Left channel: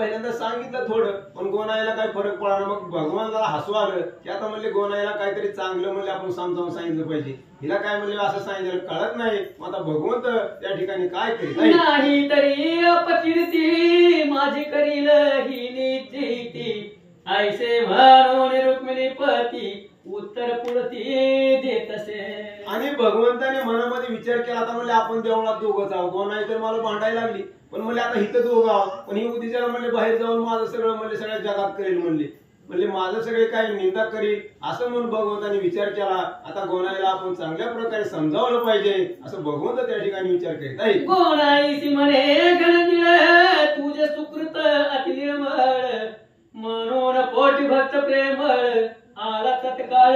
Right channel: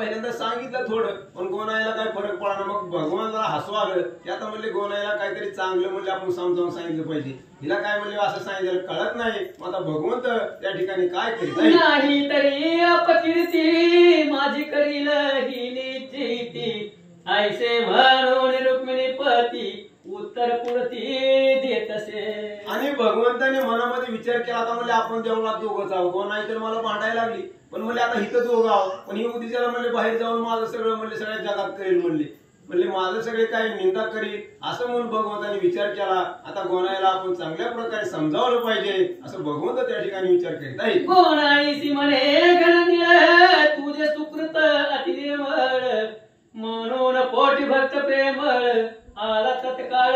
पहिल्यांदा सांगितलं थोडं, पण गोनाईला काही फरक पडला. मग भगवानला हसू आलं की आता म्हणले गोनाईला काहीतरी चांगलं म्हणले आपण समजावून सांगितलं पाहिजे. हिला काय म्हणले असं सांगितलं कळत नाही. मग आता भगवंत त्या ठिकाणी काय करीत नाही तरी अपकीर्ती माझी करील ही निश्चिती. ऐसे म्हणून रुक्मिणी पती उत्तर पुरती देत असे. आणि भगवंताने मनामध्ये विचार केला. आता म्हणले आपण देवळात दोघं आहोत. गोनाई तर मला भांडायला लागली, पण म्हणले आता इथं दोघं आहोत. पण ही उद्याला म्हणले बाहेर जाऊन माझं सगळं म्हणले सगळ्या जगात करेल म्हणले माझं सगळे काही निंदा करील असं म्हणून भगवंताने विचार केला. आता गोनाईला आपण चांगल्या प्रकारे समजावलं पाहिजे असं भगवंत त्या ठिकाणी विचार करीत आहे. गोनाईसी म्हणे घननिळ तुझे सुकृत अति निर्मळ. म्हणून पोटी भक्त प्रेमळ आला तत्काळ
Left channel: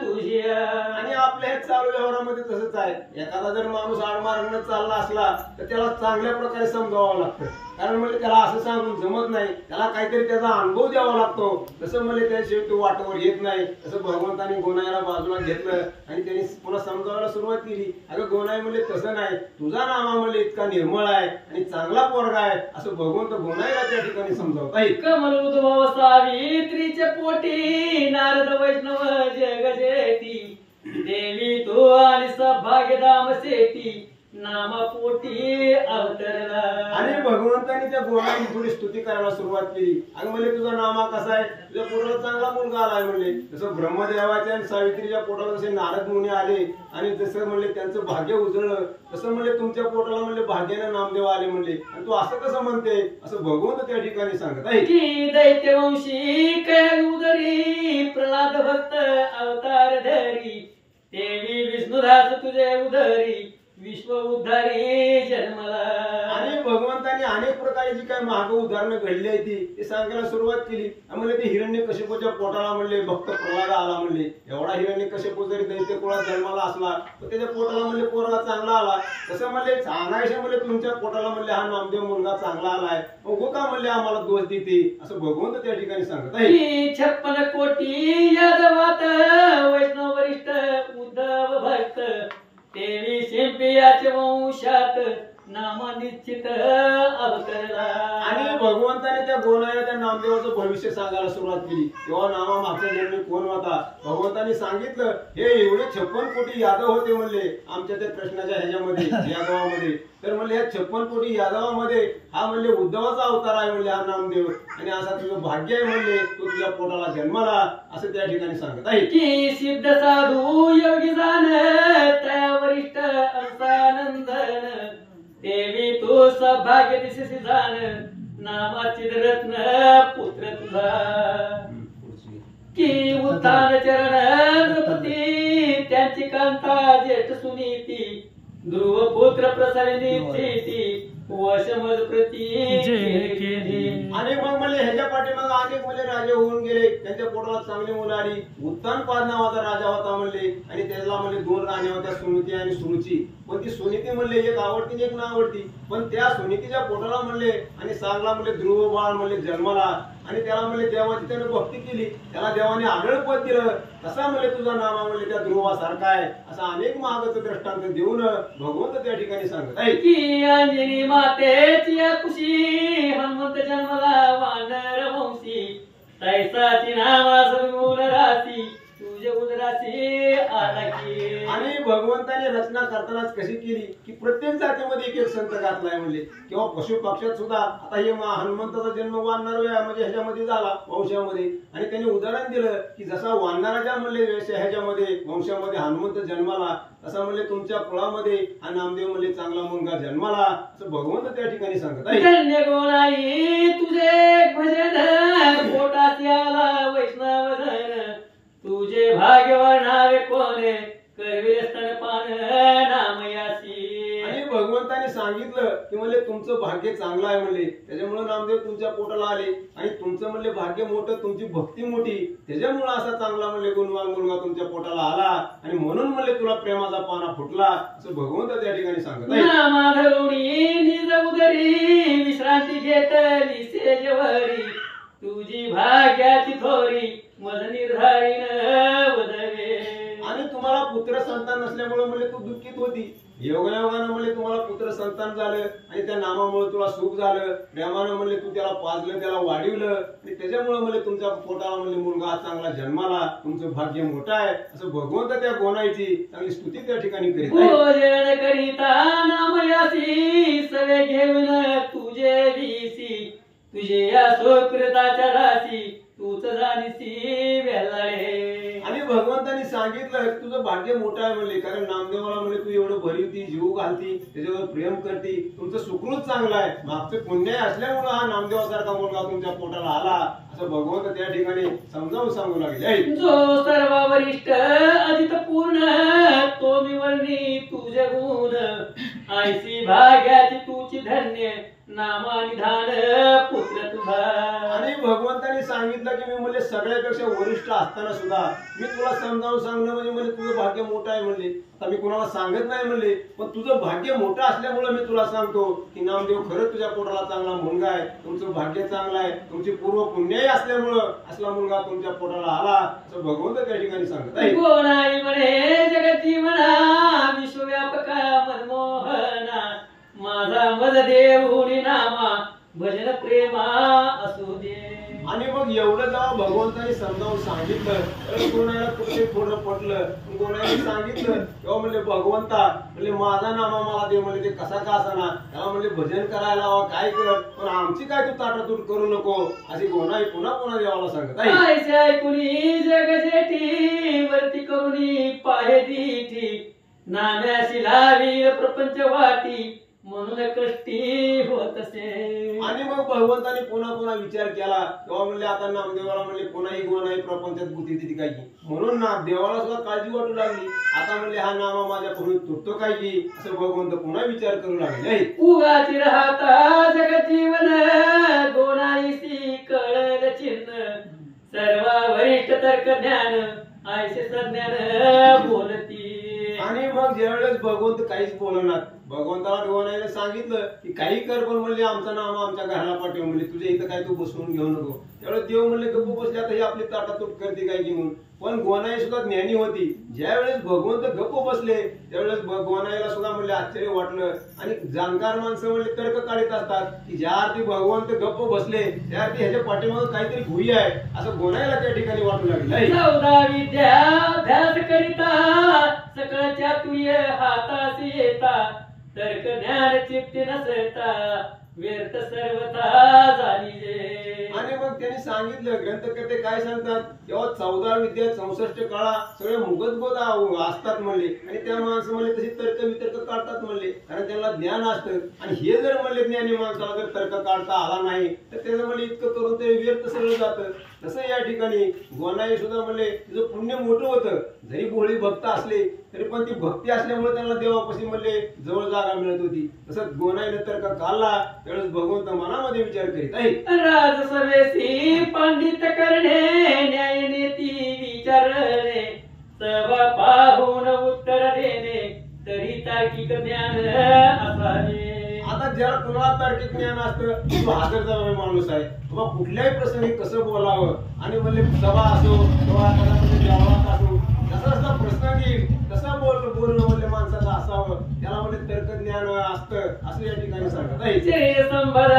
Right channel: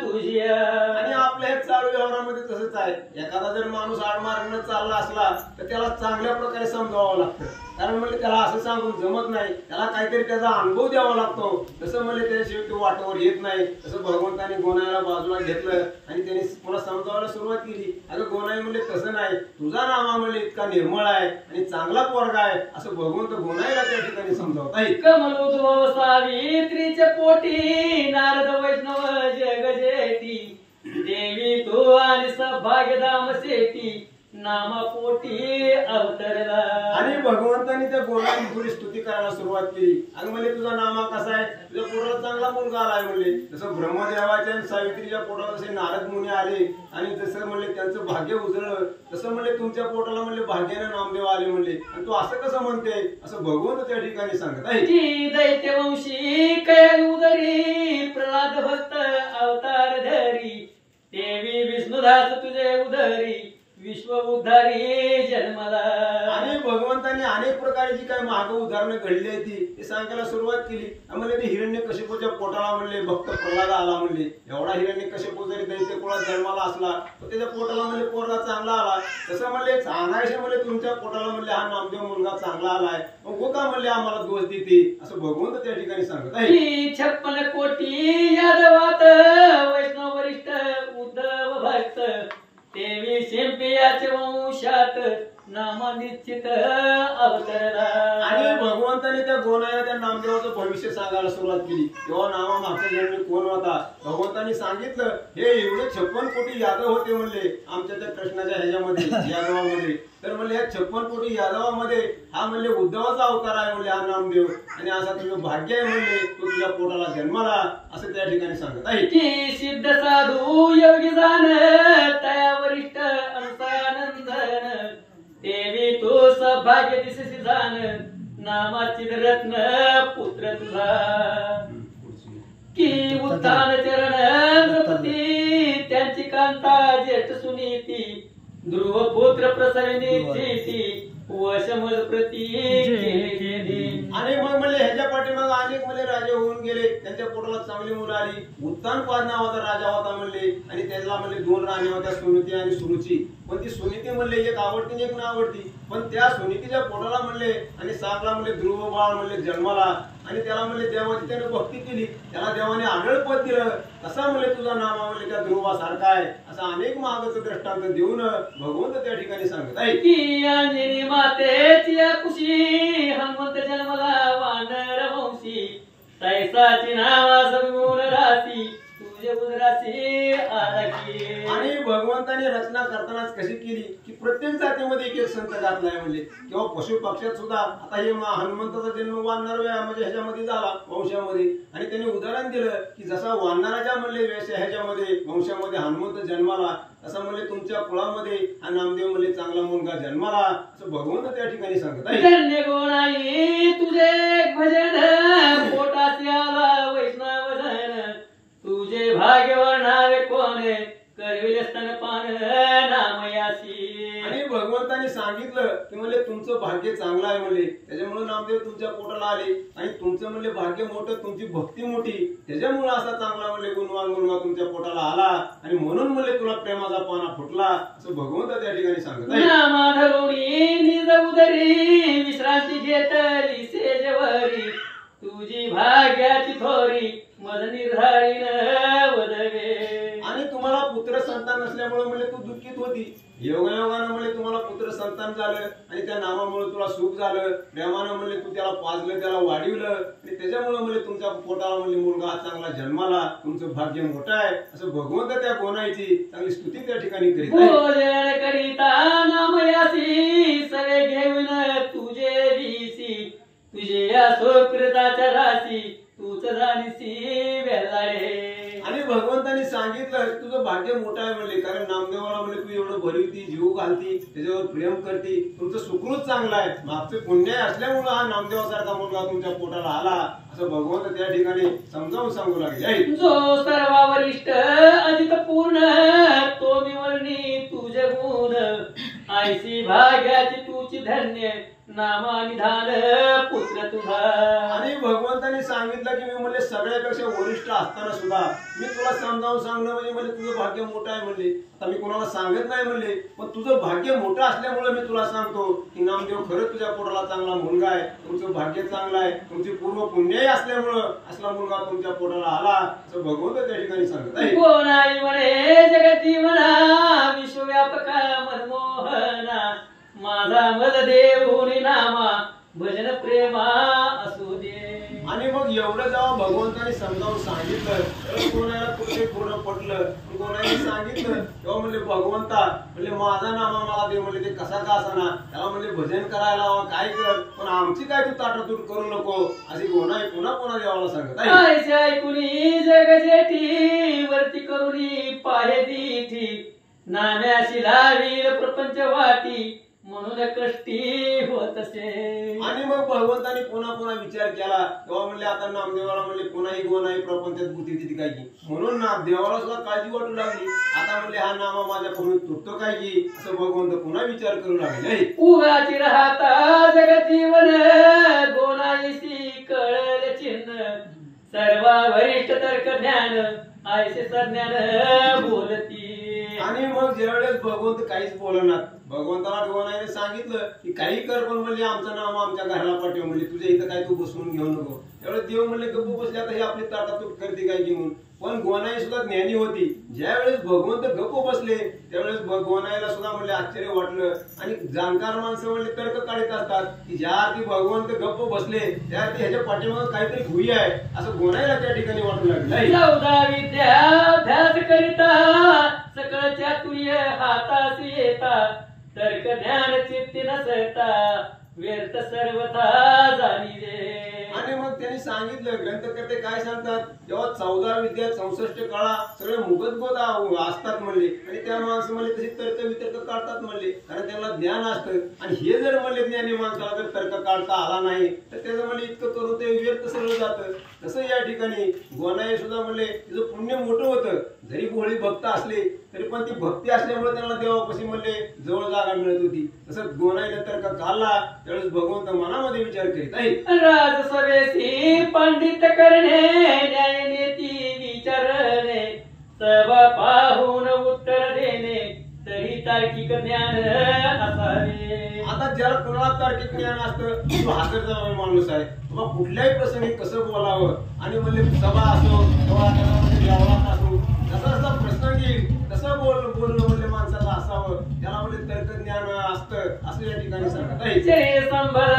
तुझ्या. आणि आपल्या हे चालू व्यवहारामध्ये तसंच आहे. एखादा जर माणूस आडमार्गाने चालला असला तर त्याला चांगल्या प्रकारे समजावावं लागतं. कारण म्हणजे त्याला असं सांगून जमत नाही, त्याला काहीतरी त्याचा अनुभव द्यावा लागतो. तसं म्हणजे त्याशिवाय तो वाटेवर येत नाही. तसं भगवंताने गोनाईला बाजूला घेतलं आणि त्यांनी पुन्हा समजावायला सुरुवात केली. अगं गोनाई म्हणले तसं नाही, तुझा नामा म्हणले इतका निर्मळ आहे आणि चांगला पोरगा आहे असं भगवंत गोनाईला त्या ठिकाणी समजावत आहे. कमल उद्भव सावित्रीचे पोटी नारद वैष्णव जग जेती. देवी तो आणि सौभाग्यधाम सेती नामा पोटी अवतरला. आणि भगवंतानी त्या गोनाईची थोडी स्तुती करायला सुरुवात केली. अगं म्हणले तुझा नामा कसा आहे, तुझ्या पोटाला चांगला मुलगा आलाय म्हणले. जसं ब्रह्मदेवाच्या आणि सावित्रीच्या पोटाला जसे नारद मुनी आले आणि जसं म्हणले त्यांचं भाग्य उजळलं, तसं म्हणले तुमच्या पोटाला म्हणले भाग्याने नामदेव आले म्हणले. आणि तू असं कसं म्हणते असं भगवंत त्या ठिकाणी सांगत आहे की दैत्यवंशी कैल उदरी प्रल्हाद भक्त अवतार धरी. देवी विष्णुदास तुझे उदरी विश्व उद्धारी जन्मला. आणि भगवंतांनी अनेक प्रकारे जी काही माग उदाहरणं घडली आहे ती सांगायला सुरुवात केली. म्हणले ते हिरण्यकशिपूच्या पोटाला म्हणले भक्त प्रल्हाद आला म्हणले. एवढा हिरण्यकशिपू जरी दैत्य कुळात जन्माला असला तर त्याच्या पोटाला म्हणले पोरगा चांगला आला. तसं म्हणले सांगायचे म्हणले तुमच्या पोटाला म्हणले हा नामदेव मुलगा चांगला आलाय, मग का म्हणले आम्हाला दोष देते असं भगवंत त्या ठिकाणी सांगत आहे. 56 कोटी यादवात वैष्णव वरिष्ठ उद्धव भक्त. देवी शिंपियाचे वंशात नाम निश्चित अवतरला. आणि भगवंताने त्या गोनाईला त्या नामदेवाचं भविष्य सांगायला सुरुवात केली. तेव्हा नामा मागच्या जन्मी कोण होता भगवंतानी सांगितलं. हे एवढे 56 कोटी यादव होते म्हणले आमच्या त्या कृष्णाच्या ह्याच्यामध्ये यादवामध्ये. तर म्हणले या 56 कोटी यादवामध्ये हा म्हणले उद्धवाचा अवतार आहे म्हणले हा नामदेव. आणि असा तुझं भाग्य आहे म्हणले तो तुझ्या पोटाला जन्माला असं त्या ठिकाणी सांगत आहे. की सिद्ध साधू योगी जाण तया वरिष्ठ अंसानंदन. देवी तू सौभाग्य दिससी जाण नामाची रत्न पुत्र तुझा. की उत्थान चरण द्रौपदी त्यांची कांता ज्येष्ठ सुनीती. ध्रुव पुत्र प्रसविनी चेती वशमज प्रती. आणि मग म्हणले ह्याच्या पाठीमाग अनेक म्हणले राजे होऊन गेले. त्यांच्या पोटाला चांगली मुलं आली. उत्तानपाद नावाचा राजा होता म्हणले आणि त्याला म्हणले 2 राण्या होत्या सुनीती आणि सुरुची. पण ती सुनीती म्हणले एक आवडती आणि एक ना आवडती. पण त्या सुनीतीच्या पोटाला म्हणले आणि चांगला म्हणले ध्रुव बाळ म्हणले जन्माला. आणि त्याला म्हणले देवाची त्याने भक्ती केली, त्याला देवाने आढळ पद दिलं. तसा म्हणले तुझा नामा म्हणले त्या ध्रुवासारखा आहे असं अनेक महागाचं दृष्टांत देऊन भगवंत त्या ठिकाणी सांगत आहे. की अंजनी मातेची कुशी हनुमंत जन्मला वानर वंशी. तैसाची नावा सद्गुण राशी तुझे उदराशी आराखी. आणि भगवंताने रचना करतानाच कशी केली की प्रत्येक जातीमध्ये एक एक संत घातलाय म्हणले. किंवा पशु पक्षात सुद्धा आता हे हनुमंताचा जन्म वानर म्हणजे ह्याच्यामध्ये झाला वंशामध्ये. आणि त्यांनी उदाहरण दिलं की जसा वानराच्या म्हणले ह्याच्यामध्ये वंशामध्ये हनुमंत जन्माला तसा म्हणले तुमच्या कुळामध्ये हा नामदेव म्हणले चांगला मुलगा जन्माला असं भगवंत त्या ठिकाणी सांगत आहे. धन्य गोणाई तुझे भजन पोटासी आला वैष्णव धन. तुझे भाग्य वर्णावे कोणे करविले स्तनपान नामयासी. आणि भगवंताने सांगितलं की म्हणले तुमचं भाग्य चांगलं आहे म्हणले त्याच्यामुळे नामदेव तुमच्या पोटाला आले. आणि तुमचं म्हणले भाग्य मोठं, तुमची भक्ती मोठी, त्याच्यामुळे असा चांगला म्हणले गुणवान मुलगा तुमच्या पोटाला आला. आणि म्हणून म्हणले तुला प्रेमाचा पाना फुटला असं भगवंत त्या ठिकाणी सांगत आहे. नामाधरुणी निज उदरी विश्रांती घेतली सेजवरी. तुझी भाग्याची थोरी मज निर्धारीन वदवे. आणि तुम्हाला पुत्र संतान नसल्यामुळे म्हणले तू दुःखित होती. योगायोगानं म्हणले तुम्हाला पुत्र संतान झालं आणि त्या नामामुळे तुला सुख झालं, प्रेमानं म्हणले तू त्याला पाजलं, त्याला वाढवलं आणि त्याच्यामुळे म्हणले तुमच्या पोटाला म्हणले मुलगा चांगला जन्माला, तुमचं भाग्य मोठं आहे असं भगवंत त्या गोनाईची चांगली स्तुती त्या ठिकाणी करीत आहे. भोजन करिता नामयासी सवे घेऊन तुझे दिसी, तुझे या सुकृताच्या राशी तूच जाणीसी वेलाडे. आणि भगवंतांनी सांगितलं तुझं भाग्य मोठं आहे म्हणले, कारण नामदेवाला म्हणले तू एवढं भरवती, जीव घालती, त्याच्यावर प्रेम करती, तुमचं सुकृत चांगलं आहे, मागचं पुण्य असल्यामुळे हा नामदेवासारखा मुलगा तुमच्या पोटाला आला असं भगवंत त्या ठिकाणी समजावून सांगू लागले. जो सर्व वरिष्ठ अधिक पूर्ण तो निवडणी तुझे गुण, ऐसी भाग्याची तुझी धन्य नामानिधान पुत्र तुझा. आणि भगवंतांनी सांगितलं की मी म्हणले सगळ्यापेक्षा वरिष्ठ असताना सुद्धा मी तुला समजावून सांगणं म्हणजे म्हणले तुझं भाग्य मोठं आहे म्हणले. आता मी कोणाला सांगत नाही म्हणले, पण तुझं भाग्य मोठं असल्यामुळे मी तुला सांगतो की नामदेव खरंच तुझ्या पोटाला चांगला मुलगा आहे, तुमचं भाग्य चांगलं आहे, तुमची पूर्व पुण्यही असल्यामुळं असला मुलगा तुमच्या पोटाला आला असं भगवंत त्या ठिकाणी सांगत आहे. कोण आहे म्हणे जगती म्हणा विश्वव्यापका मनमोहना, माझा मज देऊनी नामा भजन प्रेमा असू दे. आणि मग एवढं जेव्हा भगवंतांनी समजावून सांगितलं तर कोणाला कुठे थोडं पटलं, पण कोणाला सांगितलं तेव्हा म्हणले भगवंता म्हणले माझा नामा मला दे म्हणले, ते कसा का असाना त्याला म्हणले भजन करायला हवा काय कर, पण आमची काय तू ताटातूट करू नको अशी गोनाई पुन्हा पुन्हा देवाला सांगत आहे. ऐसे ऐकुनी जग जेठी वरती करुनी पाहे दिठी, नाम्याशी लावी प्रपंच वाटी म्हणून कष्टी होत असे. आणि मग भगवंताने पुन्हा पुन्हा विचार केला तेव्हा म्हणले आता नामदेवाला म्हणले कोणाही गोनाई प्रपंचात गुती तिथे काय की, म्हणून ना देवाला सुद्धा काळजी वाटू लागली. आता म्हणले हा नामा माझ्याकडून तुटतो काय की असं भगवंत पुन्हा विचार करू लागले. उगाची राहता जगजीवन गोनाईसी कळल चिन्ह, सर्व वरिष्ठ तर्क ज्ञान ऐसे सज्ञान बोलती. आणि मग ज्यावेळेस भगवंत काहीच बोलणार, भगवंताला गोनाईने सांगितलं की काही कर, पण म्हणले आमचं नाम आमच्या घराला पाठव म्हणले, तुझ्या इथं काय तू बसवून घेऊ नको. त्यावेळेस देव म्हणले गप्प बसले आता ही आपली ताटातूट करते काय की म्हणून. पण गोनाई सुद्धा ज्ञानी होती, ज्यावेळेस भगवंत गप्प बसले त्यावेळेस गोनाईला सुद्धा म्हणले आश्चर्य वाटलं. आणि जाणकार माणसं म्हणले तर्क काढत असतात की ज्या अर्थी भगवंत गप्प बसले त्या अर्थी ह्याच्या पाठीमागे काहीतरी भुई आहे असं गोनाईला त्या ठिकाणी वाटू लागले. 14 विद्याभ्यास करिता सकळ चातुर्य हातासी येता, तर्क ज्ञान चित्ती नसता व्यर्थ सर्वथा जाणीजे. आणि मग त्यांनी सांगितलं ग्रंथकर्ते काय सांगतात तेव्हा 14 विद्या 64 कळा सगळे मुगतगोत असतात म्हणले, आणि त्या माणसं म्हणले तशी तर्क वितर्क काढतात म्हणले, कारण त्यांना ज्ञान असतं. आणि हे जर म्हणले ज्ञानी माणसाला जर तर्क काढता आला नाही तर त्याचं म्हणले इतकं करून ते व्यर्थ सगळं जातं. तसं या ठिकाणी गोनाई सुद्धा म्हणले तिचं पुण्य मोठं होतं, जरी भोळी भक्त असले तरी पण ती भक्ती असल्यामुळे त्यांना देवापाशी म्हणले जवळ जागा मिळत होती. तसं गोनाईने तर्क काढला त्यावेळेस भगवंत मनामध्ये विचार करीत आहे. राजसभेसी पंडित करणे न्याय नीती विचारणे, सभा पाहून उत्तर देणे तरी तार्किक ज्ञान असावे. आता ज्याला कुणाला तार्किक ज्ञान असतं तो हजर जबाबदार माणूस आहे, बाबा कुठल्याही प्रसंगी कसं बोलावं. आणि म्हणले सभा असो किंवा व्यवहारात असो जसा जसा प्रसंग येईल तसं बोलणं म्हणले माणसाचं असावं, त्याला म्हणले तर्क ज्ञान असतं असं या ठिकाणी सांगत आहे. शरीर संभाळ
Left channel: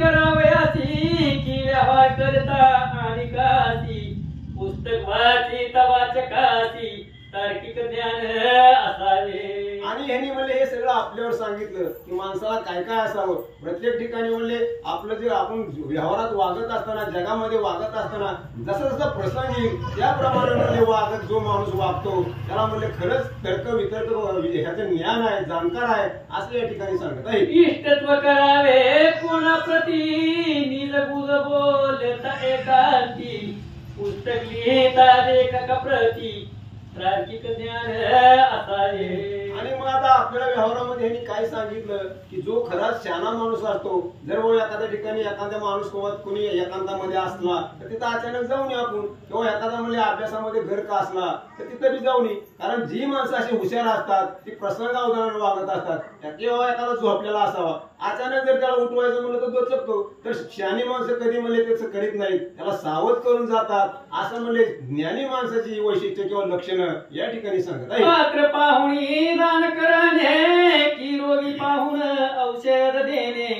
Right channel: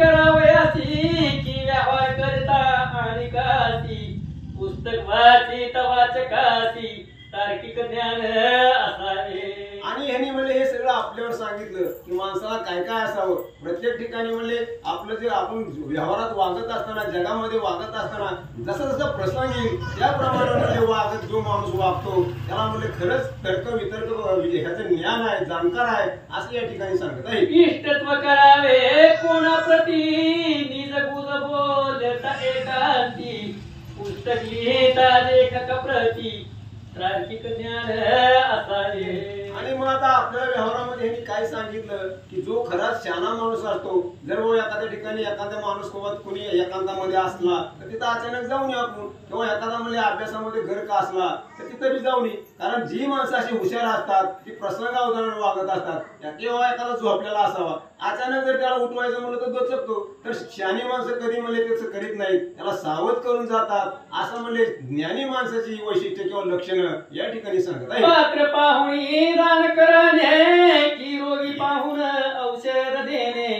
करावयासी की व्यवहार करता आणि कासी, पुस्तक वाचित वाचकासी तार्किक ज्ञान असावे. आणि ह्यांनी म्हणले हे सगळं आपल्यावर सांगितलं की माणसाला काय काय असावं. प्रत्येक ठिकाणी म्हणले आपलं जे आपण व्यवहारात वागत असताना जगामध्ये वागत असताना जसा जसा प्रसंग येईल त्याप्रमाणे म्हणजे वागत जो माणूस वागतो त्याला म्हणले खरंच तर्क वितर्क ह्याचं ज्ञान आहे, जाणकार आहे असं या ठिकाणी सांगत आहे. इष्टत्व करावे कोणाप्रती निज गुज बोलता एकांती, पुस्तक लिहिता लेखक प्रती तार्किक ज्ञान असावे. आणि मग आता आपल्याला व्यवहारामध्ये ह्यांनी काय सांगितलं की जो खराच शहाणा माणूस असतो, जर वो एखाद्या ठिकाणी एखादा माणूस कोणी एकांतामध्ये असला तर तिथं अचानक जाऊन ये आपण, किंवा एखादा म्हणजे अभ्यासामध्ये घर का असला तर तिथं बी जाऊन ये. कारण जी माणसं अशी हुशार असतात ती प्रसंगावधानाने वागत असतात, किंवा एखादा झोपलेला असावा अचानक जर त्याला उठवायचं म्हणलं तर दचकतो. तर शहाणी माणसं कधी म्हणले त्याचं करीत नाहीत, त्याला सावध करून जातात. असं म्हणले ज्ञानी माणसाची वैशिष्ट्य किंवा लक्षणं या ठिकाणी सांगत आहे. पात्र पाहुणी रान करणे की रोगी पाहून औषध देणे,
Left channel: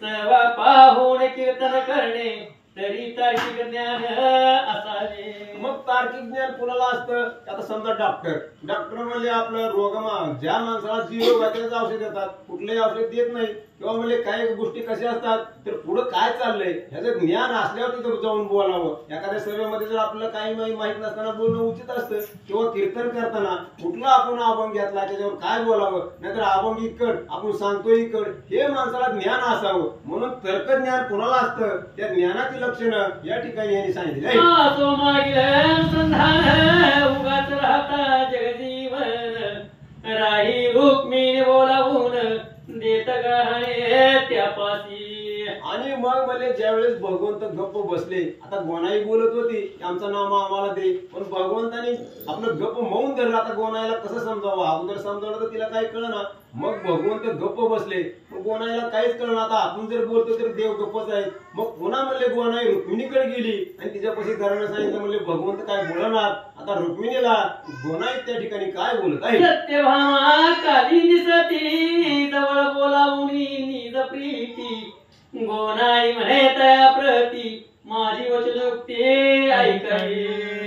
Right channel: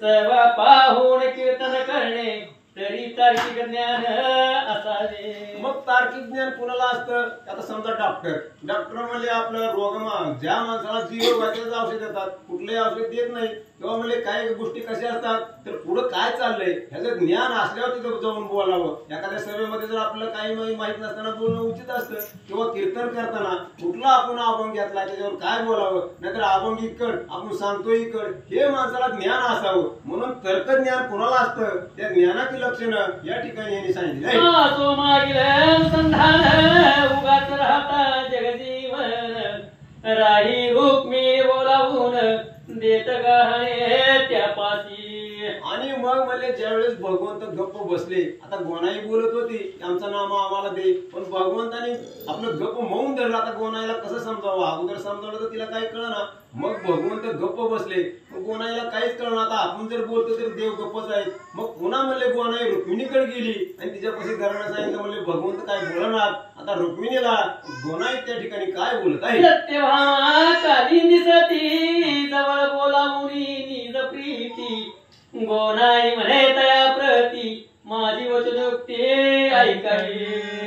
सेवा पाहून कीर्तन करणे तरी तार्किक ज्ञान असावे. मग तार्किक ज्ञान कोणाला असतं? आता समजा डॉक्टर म्हणजे आपलं ज्या माणसाला जी रोग आहे त्याचं औषध देतात, कुठलंही औषध देत नाही. किंवा म्हणजे काही गोष्टी कशा असतात तर पुढे काय चाललंय ह्याचं ज्ञान असल्यावर तिथं जाऊन बोलावं. एखाद्या सभेमध्ये जर आपलं काही माहित नसताना बोलणं उचित असतं. किंवा कीर्तन करताना कुठला आपण अभंग घेतला त्याच्यावर काय बोलावं, नाहीतर अभंग इकड आपण सांगतो इकड, हे माणसाला ज्ञान असावं. म्हणून तर्कज्ञान कोणाला असतं? त्या ज्ञानाची लक्षणं या ठिकाणी यांनी सांगितले. तो मागील संधान उगाच राहता जगजीवन, राही रुक्मिणी बोलावून देत गाणे त्यापासी. आणि मग म्हणले ज्यावेळेस भगवंत गप्प बसले, आता गोनाई बोलत होती आमचं नाम आम्हाला दे, पण भगवंताने आपलं गप्प मौन धरलं. आता गोनाईला कसं समजावं? अगोदर समजावलं तर तिला काही कळना. मग भगवंत गप्प बसले, मग गोनाईला काहीच कळणार. आता आपण जर बोलतो तर देव गप्पच आहेत. मग पुन्हा म्हणले गोनाई रुक्मिणीकडे गेली आणि तिच्यापाशी धरणं सांगितलं. म्हणले भगवंत काय बोलणार? आता रुक्मिणीला गोनाई त्या ठिकाणी काय बोलत आहे? सत्यभामा काली दिसती जवळ बोलावून निज प्रीती, गोनाई म्हणे तया प्रती माझी वचनोक्ती ऐकावी.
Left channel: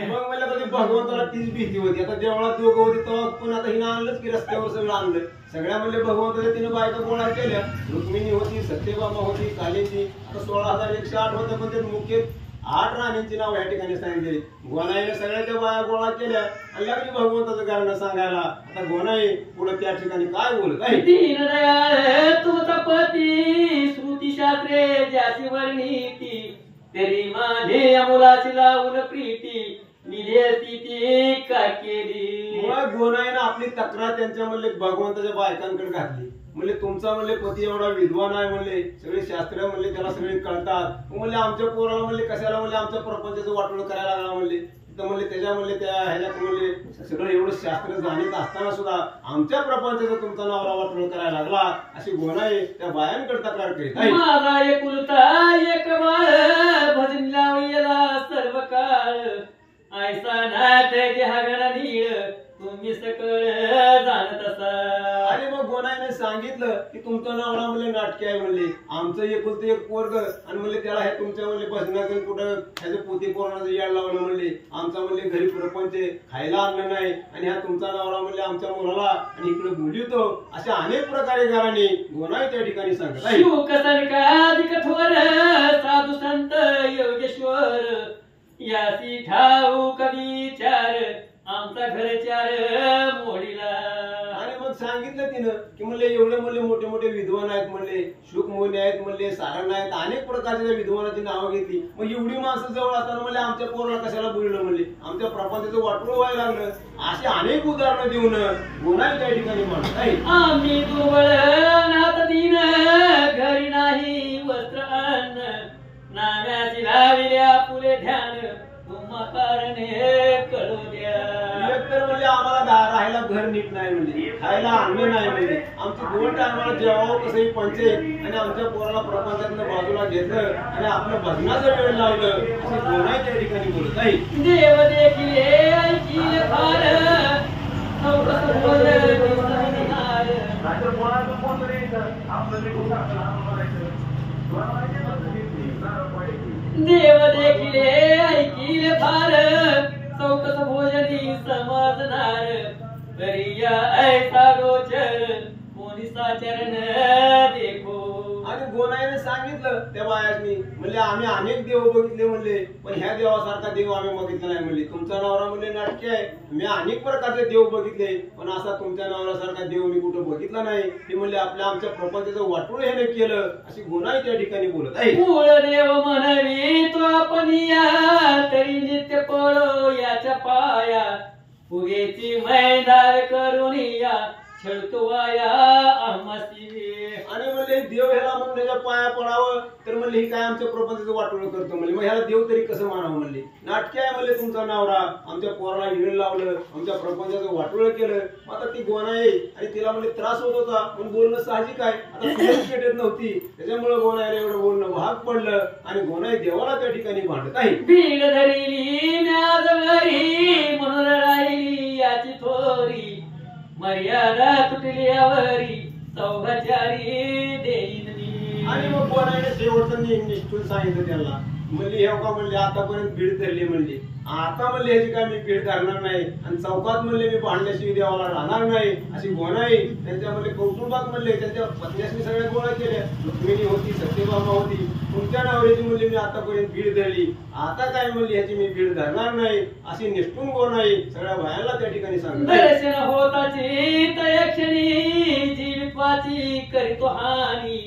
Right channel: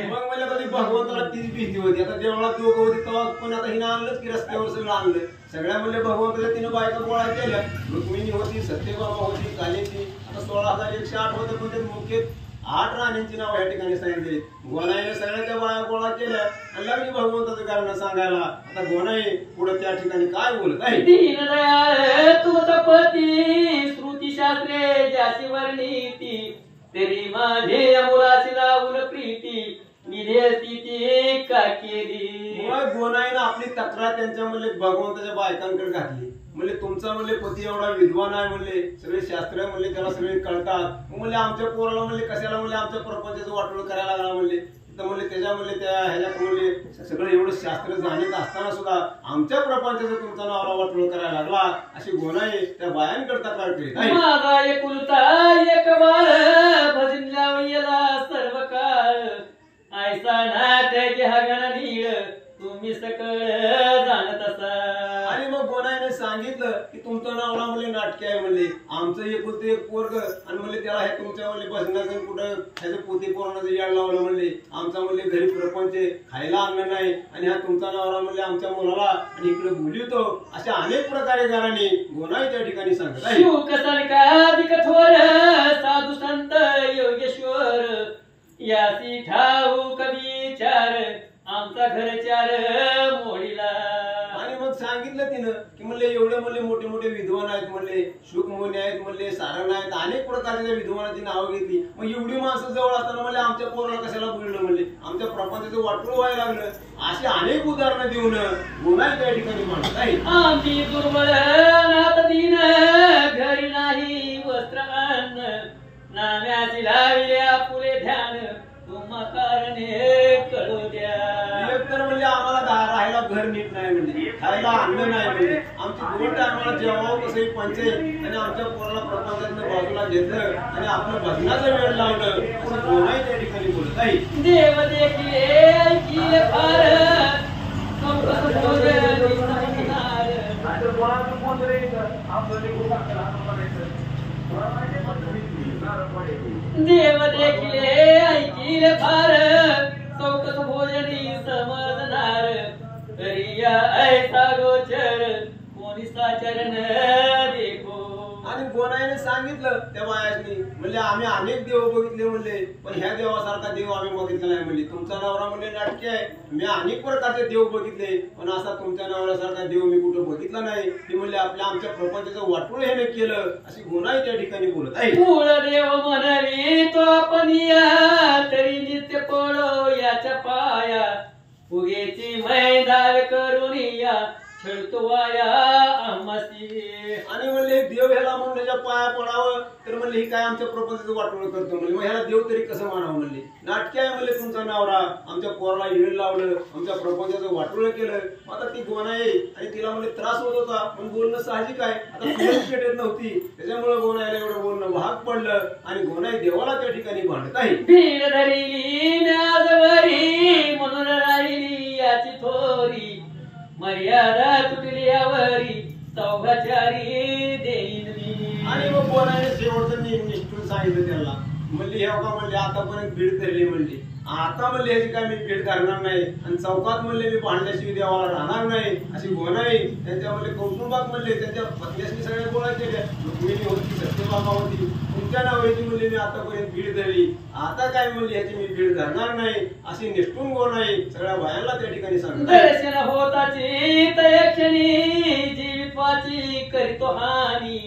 मग मला कधी भगवंताला तीच भीती होती. आता देवळात दोघं होती तेव्हा पण आता हिनं आणलंच की रस्त्यावर सगळं आणलं. सगळ्या म्हणले भगवंताच्या तिने बायका गोळा केल्या. रुक्मिणी होती, सत्यभामा होती, कालीची. आता 16,108 होतं, पण ते मुख्य 8 राण्यांची नाव या ठिकाणी सांगितली. गोनाईने सगळ्याच्या बाया गोळा केल्या आणि लागली भगवंताचं कारण सांगायला. आता गोनाई पुढे त्या ठिकाणी काय बोलत आहे? दीनदयाळ तुमचा पती श्रुती शास्त्रे ज्याची वर्णिती, तरी माझे अमुलाची लावून प्रीती निधेती ती का केली. मग गोनाईनं आपली तक्रार त्यांच्या म्हणले भगवंताच्या बायकांकडे घातली. म्हणले तुमचा म्हणले पती एवढा विद्वान आहे, म्हणले सगळे शास्त्र म्हणले त्याला सगळे कळतात. म्हणले आमच्या पोराला म्हणले कशाला म्हणले आमच्या प्रपंचाचं वाटोळ करायला लागला. म्हणले तर म्हणले त्याच्या म्हणले त्या ह्याच्या म्हणले सगळं एवढं शास्त्र जाणीत असताना सुद्धा आमच्या प्रपंचाचं तुमचा नवरा वाटोळ करायला लागला, अशी गोनाई त्या बायांकडे तक्रार करीत आहे. माझा एकुलता एक बाळ भजन लावला सर्व काळ, ऐसा नाट्याची हगण नीळ तुम्ही सकळ जाणत असा. आणि मग गोनाईने सांगितलं की तुमचं नवरा म्हणले नाटके आहे. म्हणले आमचं एकुलतं एक पोरग आणि म्हणले त्याला हे तुमच्या म्हणले बसण्याचं कुठं ह्याचं पोती पोराचं याड लावलं. म्हणले आमचा म्हणले घरी प्रपंच खायला अन्न नाही आणि हा तुमचा नवरा म्हणले आमच्या मुलाला आणि इकडे बोलवतो. अशा अनेक प्रकारे घराने गोनाई त्या ठिकाणी सांगत आहे. शिवकसनकाधिक थोर साधू संत योगेश्वर, यासी ठाऊक विचार आमचा घरचार मोडीला. आणि मग सांगितलं तिनं की म्हणले एवढे म्हणले मोठे मोठे विद्वान आहेत, म्हणले शुकमुनी आहेत, म्हणले सारण आहेत, अनेक प्रकारच्या विद्वानाची नावं घेतली. मग एवढी माणसं जवळ असताना म्हणले आमच्या पोराला कशाला बोललं, म्हणले आमच्या प्रपंचाचं वाटोळ व्हायला लागलं. अशी अनेक उदाहरणं देऊन गोनाई त्या ठिकाणी म्हणत आहे. आम्ही दुर्बळ नाथ दीन घरी नाही वस्त्र अन्न, नाम्याची लाविल्या पुरे ध्यान तुम्हा कारणे कळू द्या. तर म्हणले आम्हाला राहायला घर नीट नाही, म्हणजे खायला अन्न नाही, म्हणजे आमची 2 टायमाला जेवावं कसंही पंचे आणि आमच्या पोराला प्रपंचातनं बाजूला घेतलं आणि आपलं भजनाचा वेळ लावलं, अशी गोनाई त्या ठिकाणी बोलत आहे. देव देखील ऐकील फार देव देखील ऐकील फार चौकस भोजनी समजणार, तरी ऐसा गोचर कोणी साचरण देखो. आणि गोनाईने सांगितलं त्या बायानी म्हणले आम्ही अनेक देव बघितले, म्हणले पण ह्या देवासारखा देव आम्ही बघितला नाही. म्हणले तुमचा नवरा म्हणले नाटके आहे, मी अनेक प्रकारचे देव बघितले पण असा तुमच्या नवऱ्यासारखा देव मी कुठं बघितला नाही. ते म्हणले आमच्या प्रपंचाचं वाटोळ ह्याने केलं, अशी गोनाई त्या ठिकाणी बोलत आहे. मूळ देव म्हणवी तो आपण या, तरी नित्य पडो याच्या पाया, फुगेची मैदार करून या छळतो वाया आम्हासी. आणि म्हणले देव ह्याला म्हणून त्याच्या पाया पडावं तर म्हणले ही काय आमच्या प्रपंचाचं वाटोळ करतो म्हणले, मग ह्याला देव तरी कसं मानावं म्हणले. नाटके आहे म्हणले तुमचा नवरा, आमच्या पोराला इळ लावलं, आमच्या प्रपंचाचं वाटोळ केलं. आता ती गोना आहे आणि तिला म्हणले त्रास होत होता म्हणून बोलणं साहजिक आहे. आता तुलाच पेटत नव्हती त्याच्यामुळे गोनायला एवढं बोलणं भाग पडलं आणि गोनाई देवाला त्या ठिकाणी भांडत आहे. भीड धरिली म्याजवरी म्हणून राहिली याची थोरी, मर्यादा तुटली यावरी सौभाचारी देईन मी. आणि मग गोनाईने शेवटचं निष्ठून सांगितलं त्याला, म्हणले हे का म्हणले आतापर्यंत भीड धरली म्हणली, आता म्हणले ह्याची काय मी भीड धरणार नाही आणि चौकात म्हणले मी भांडल्याशिवाय देवाला राहणार नाही. अशी गोनाई त्यांच्या म्हणले कौटुंबात म्हणले त्यांच्या पत्न्यासनी सगळ्या गोळा केल्या. रुक्मिणी होती, सत्यभामा होती, तुमच्या नवऱ्याची म्हणले मी आतापर्यंत भीड धरली, आता काय म्हणले ह्याची मी भीड धरणार नाही. अशी निष्ठून गोनाई सगळ्या बायांना त्या ठिकाणी सांगतात. दर्शन होताची तयक्षणी जीवित्वाची करीतो हानी,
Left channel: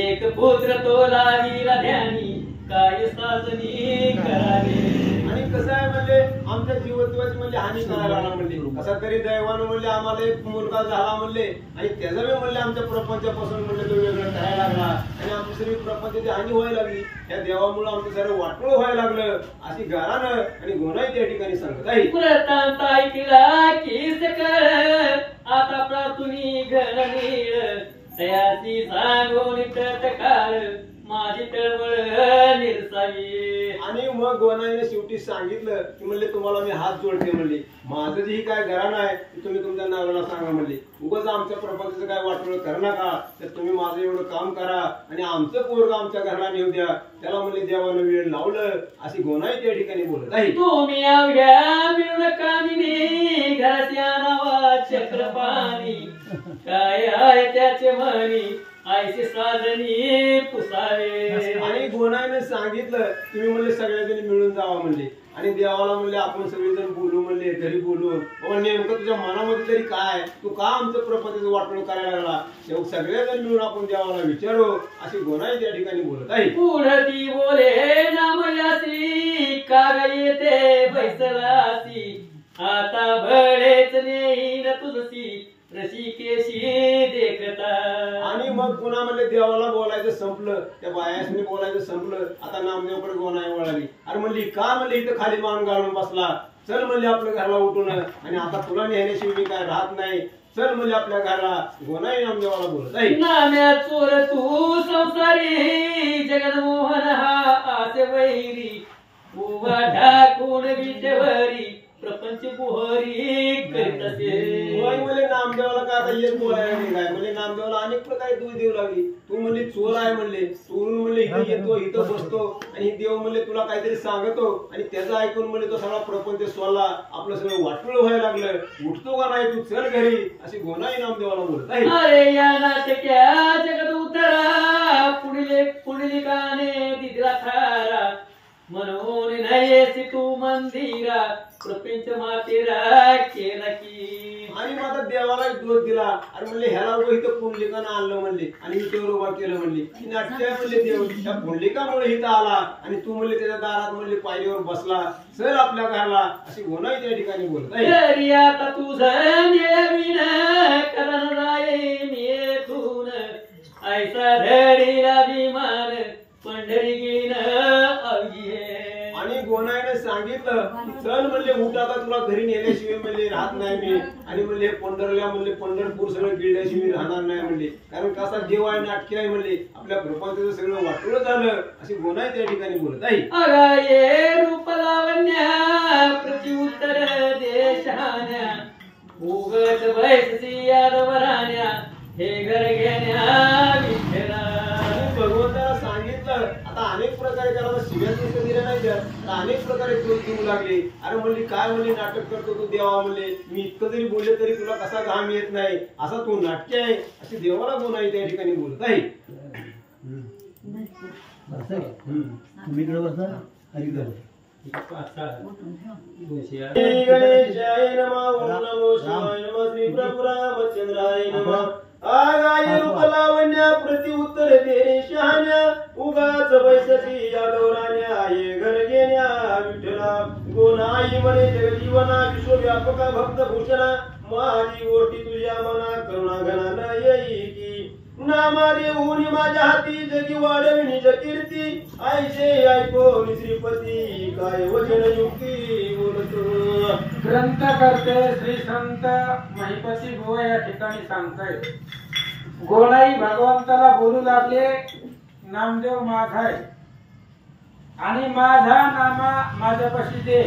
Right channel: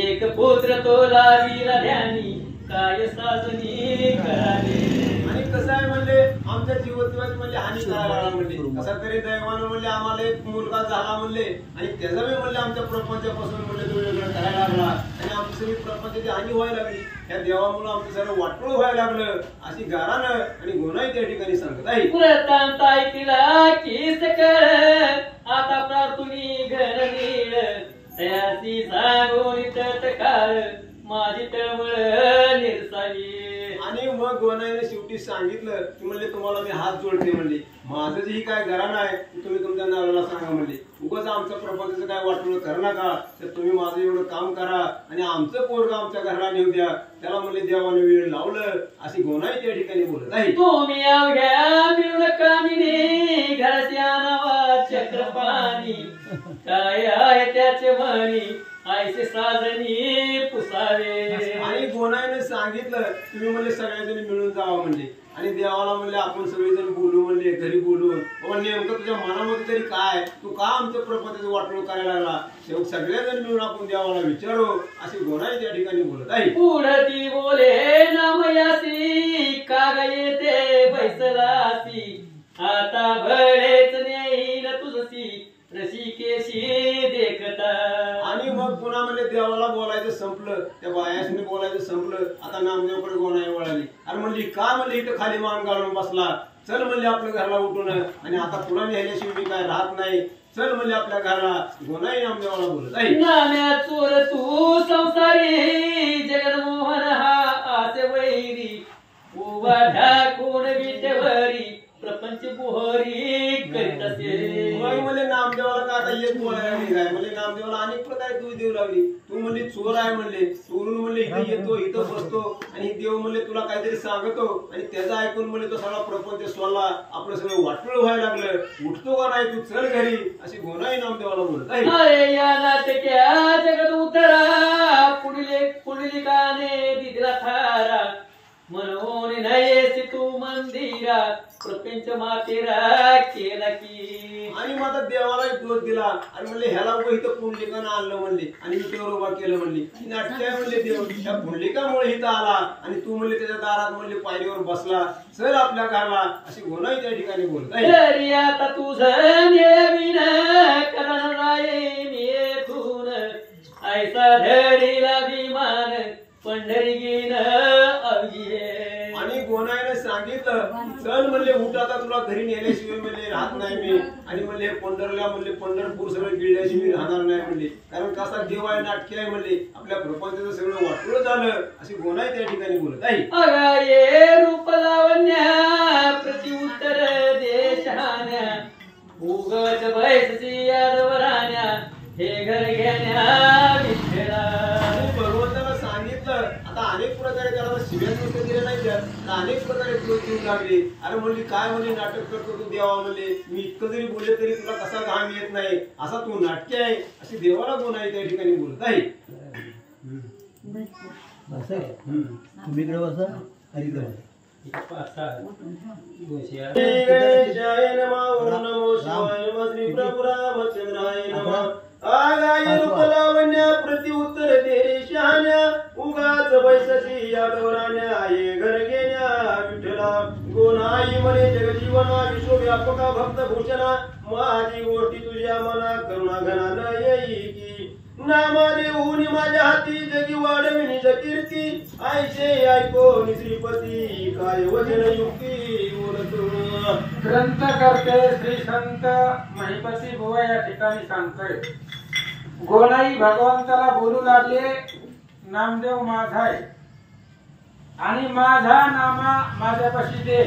एक पुत्र तो लाजीला ध्यानी काय साजनी करावे. आणि कसं आहे म्हणले आमच्या जीवत्वाची म्हणले हानी करायला लागला म्हणले, कसा तरी दैवानं म्हणले आम्हाला एक मुलगा झाला म्हणले आणि त्याचा बी म्हणले आमच्या प्रपंचापासून म्हणले तो वेगळं करायला लागला आणि आमची सगळी प्रपंचाची हानी व्हायला लागली. या देवामुळे आमचं सर्व वाटोळ व्हायला लागलं अशी गारानं आणि गोनाई त्या ठिकाणी सांगत आहे. पुरतांत ऐकला की सकळ आता प्रार्थुनी घन नीळ, तयासी सांगून तत्काळ माझी तळमळ निरसावी. आणि मग गोनाईने शेवटी सांगितलं की म्हणले तुम्हाला मी हात जोडते म्हणले, माझं जे काय घराणं आहे तुम्ही तुमच्या नवऱ्याला सांगा म्हणले, उगाच आमच्या प्रपंचाचं काय वाटोळ करू नका, तर तुम्ही माझं एवढं काम करा आणि आमचं पोरग आमच्या घराला नेऊ द्या. त्याला म्हणले देवाने वेळ लावलं अशी गोनाई त्या ठिकाणी बोलत आहे. तुम्ही अवघ्या मिळून कामिनी घराची आणावा चक्रपाणी, काय आहे त्याचे म्हणी आयसे साजनी पुसावे. आणि गोनाईने सांगितलं तुम्ही म्हणले सगळेजण मिळून जावा म्हणले आणि देवाला म्हणले आपण सगळेजण बोलू म्हणले, घरी बोलून बाबा नेमकं तुझ्या मनामध्ये तरी काय, तू का आमचं प्रपंचाचं वाटोळ करायला लागला, तेव्हा सगळेजण मिळून आपण देवाला विचारू अशी गोनाई त्या ठिकाणी बोलत आहे. पुढती बोले नामयासी काग येते बैसलासी, आता भळेच नेईल तुझसी रसिकेशी देखता. आणि मग पुन्हा म्हणले देवाला बोलायचं संपलं, त्या बायासने बोलायचं संपलं, आता नामदेवकडे गोनाई वळाली. अरे म्हणली का म्हणले इथं खाली मान घालून बसला, चल म्हणले आपल्या घराला उठून आणि आता तुला नेण्याशिवाय मी काय राहत नाही, चल म्हणले आपल्या घराला. गोनाई नामदेवाला बोलत आहे. नाम्या चोर तू संसारी जगनमोहन हा आसे वैरी, उभा ढाकून विटेवरी प्रपंच बुहरी करीत असे. म्हणले नामदेवाला का आता एक बोलायला लागली काय, म्हणले नामदेवाला अनेक प्रकारे दोष देऊ लागली. तू म्हणले चोर आहे म्हणले, चोरून म्हणले इथं येतो इथं बसतो आणि देव म्हणले तुला काहीतरी सांगतो आणि त्याचं ऐकून म्हणले तो सगळा प्रपंच सोडला, आपलं सगळं वाटोळ व्हायला लागलं, उठतो का नाही तू चल घरी अशी गोनाई नामदेवाला बोलत आहे. अरे या नाटक्या जगत उतरा पुंडलिकाने दिला थारा, म्हणून नाही तू मंदिरा प्रपंच मातेरा केला की. आणि माझा देवाला दोष दिला आणि म्हणले ह्याला उभं इथं पुंडलिकानं आणलं म्हणले आणि मी तेवढं उभा केलं म्हणले. नाट्य म्हणले देव त्या पुंडलिकामुळे इथं आला आणि तू म्हणले त्याच्या दारात म्हणले पायरीवर बसला, चल आपल्या घरला अशी गोनाई त्या ठिकाणी बोलत आहे. तरी आता तुझं नेविन करण राये मेथून, ऐसा धडीला विमान पंढरी गेन अवघे. आणि गोनाईने सांगितलं चल म्हणले उठ आता तुला घरी नेल्याशिवाय म्हणले राहत नाही मी आणि म्हणले पंढरला म्हणले पंढरपूर सगळं गिळल्याशिवाय मी राहणार नाही म्हणले, कारण कसा देव आहे नाटके आहे म्हणले, आपल्या प्रपंचाचं सगळं वाटोळ झालं अशी गोनाई त्या ठिकाणी बोलत आहे. अगाये रूप लावण्या प्रतिउत्तर देशान्या, उगत बैसची यादवरान्या हे घर घेण्या विठ्ठला. भगवंताला सांगितलं आता अनेक प्रकारे त्याला शिव्या नुसतं दिल्या नाही तर अनेक प्रकारे दोष देऊ लागले. अरे म्हणली काय म्हणले नाटक करतो तू देवा म्हणले, मी इतकं जरी बोलले तरी तुला कसा घाम येत नाही, असा तू नाट्य आहे अशी देवाला गोनाई त्या ठिकाणी बोलत आहे. गणेशाय नमः, ओम नमो शिवाय नमः, श्री प्रभु रामचंद्राय नमः. आगाय रूप लावण्या प्रति उत्तर दे शहाण्या, उगाच बैसती यादवराण्या ये घर घेण्या विठ्ठला. गोनाई म्हणे जगजीवना विश्वव्यापका भक्त भूषणा, माझी गोष्टी तुझ्या मना करुणा घना न येई की नामा देऊन माझ्या हाती जगी वाढविणी कीर्ती ऐशे ऐकोन श्रीपती काय वचन युक्ती बोलतो ग्रंथ करते श्री संत महिपती बुवा या ठिकाणी सांगतोय गोलाई भगवंताला बोलू लागले नामदेव माझा आहे आणि माझा नामा माझ्यापाशी दे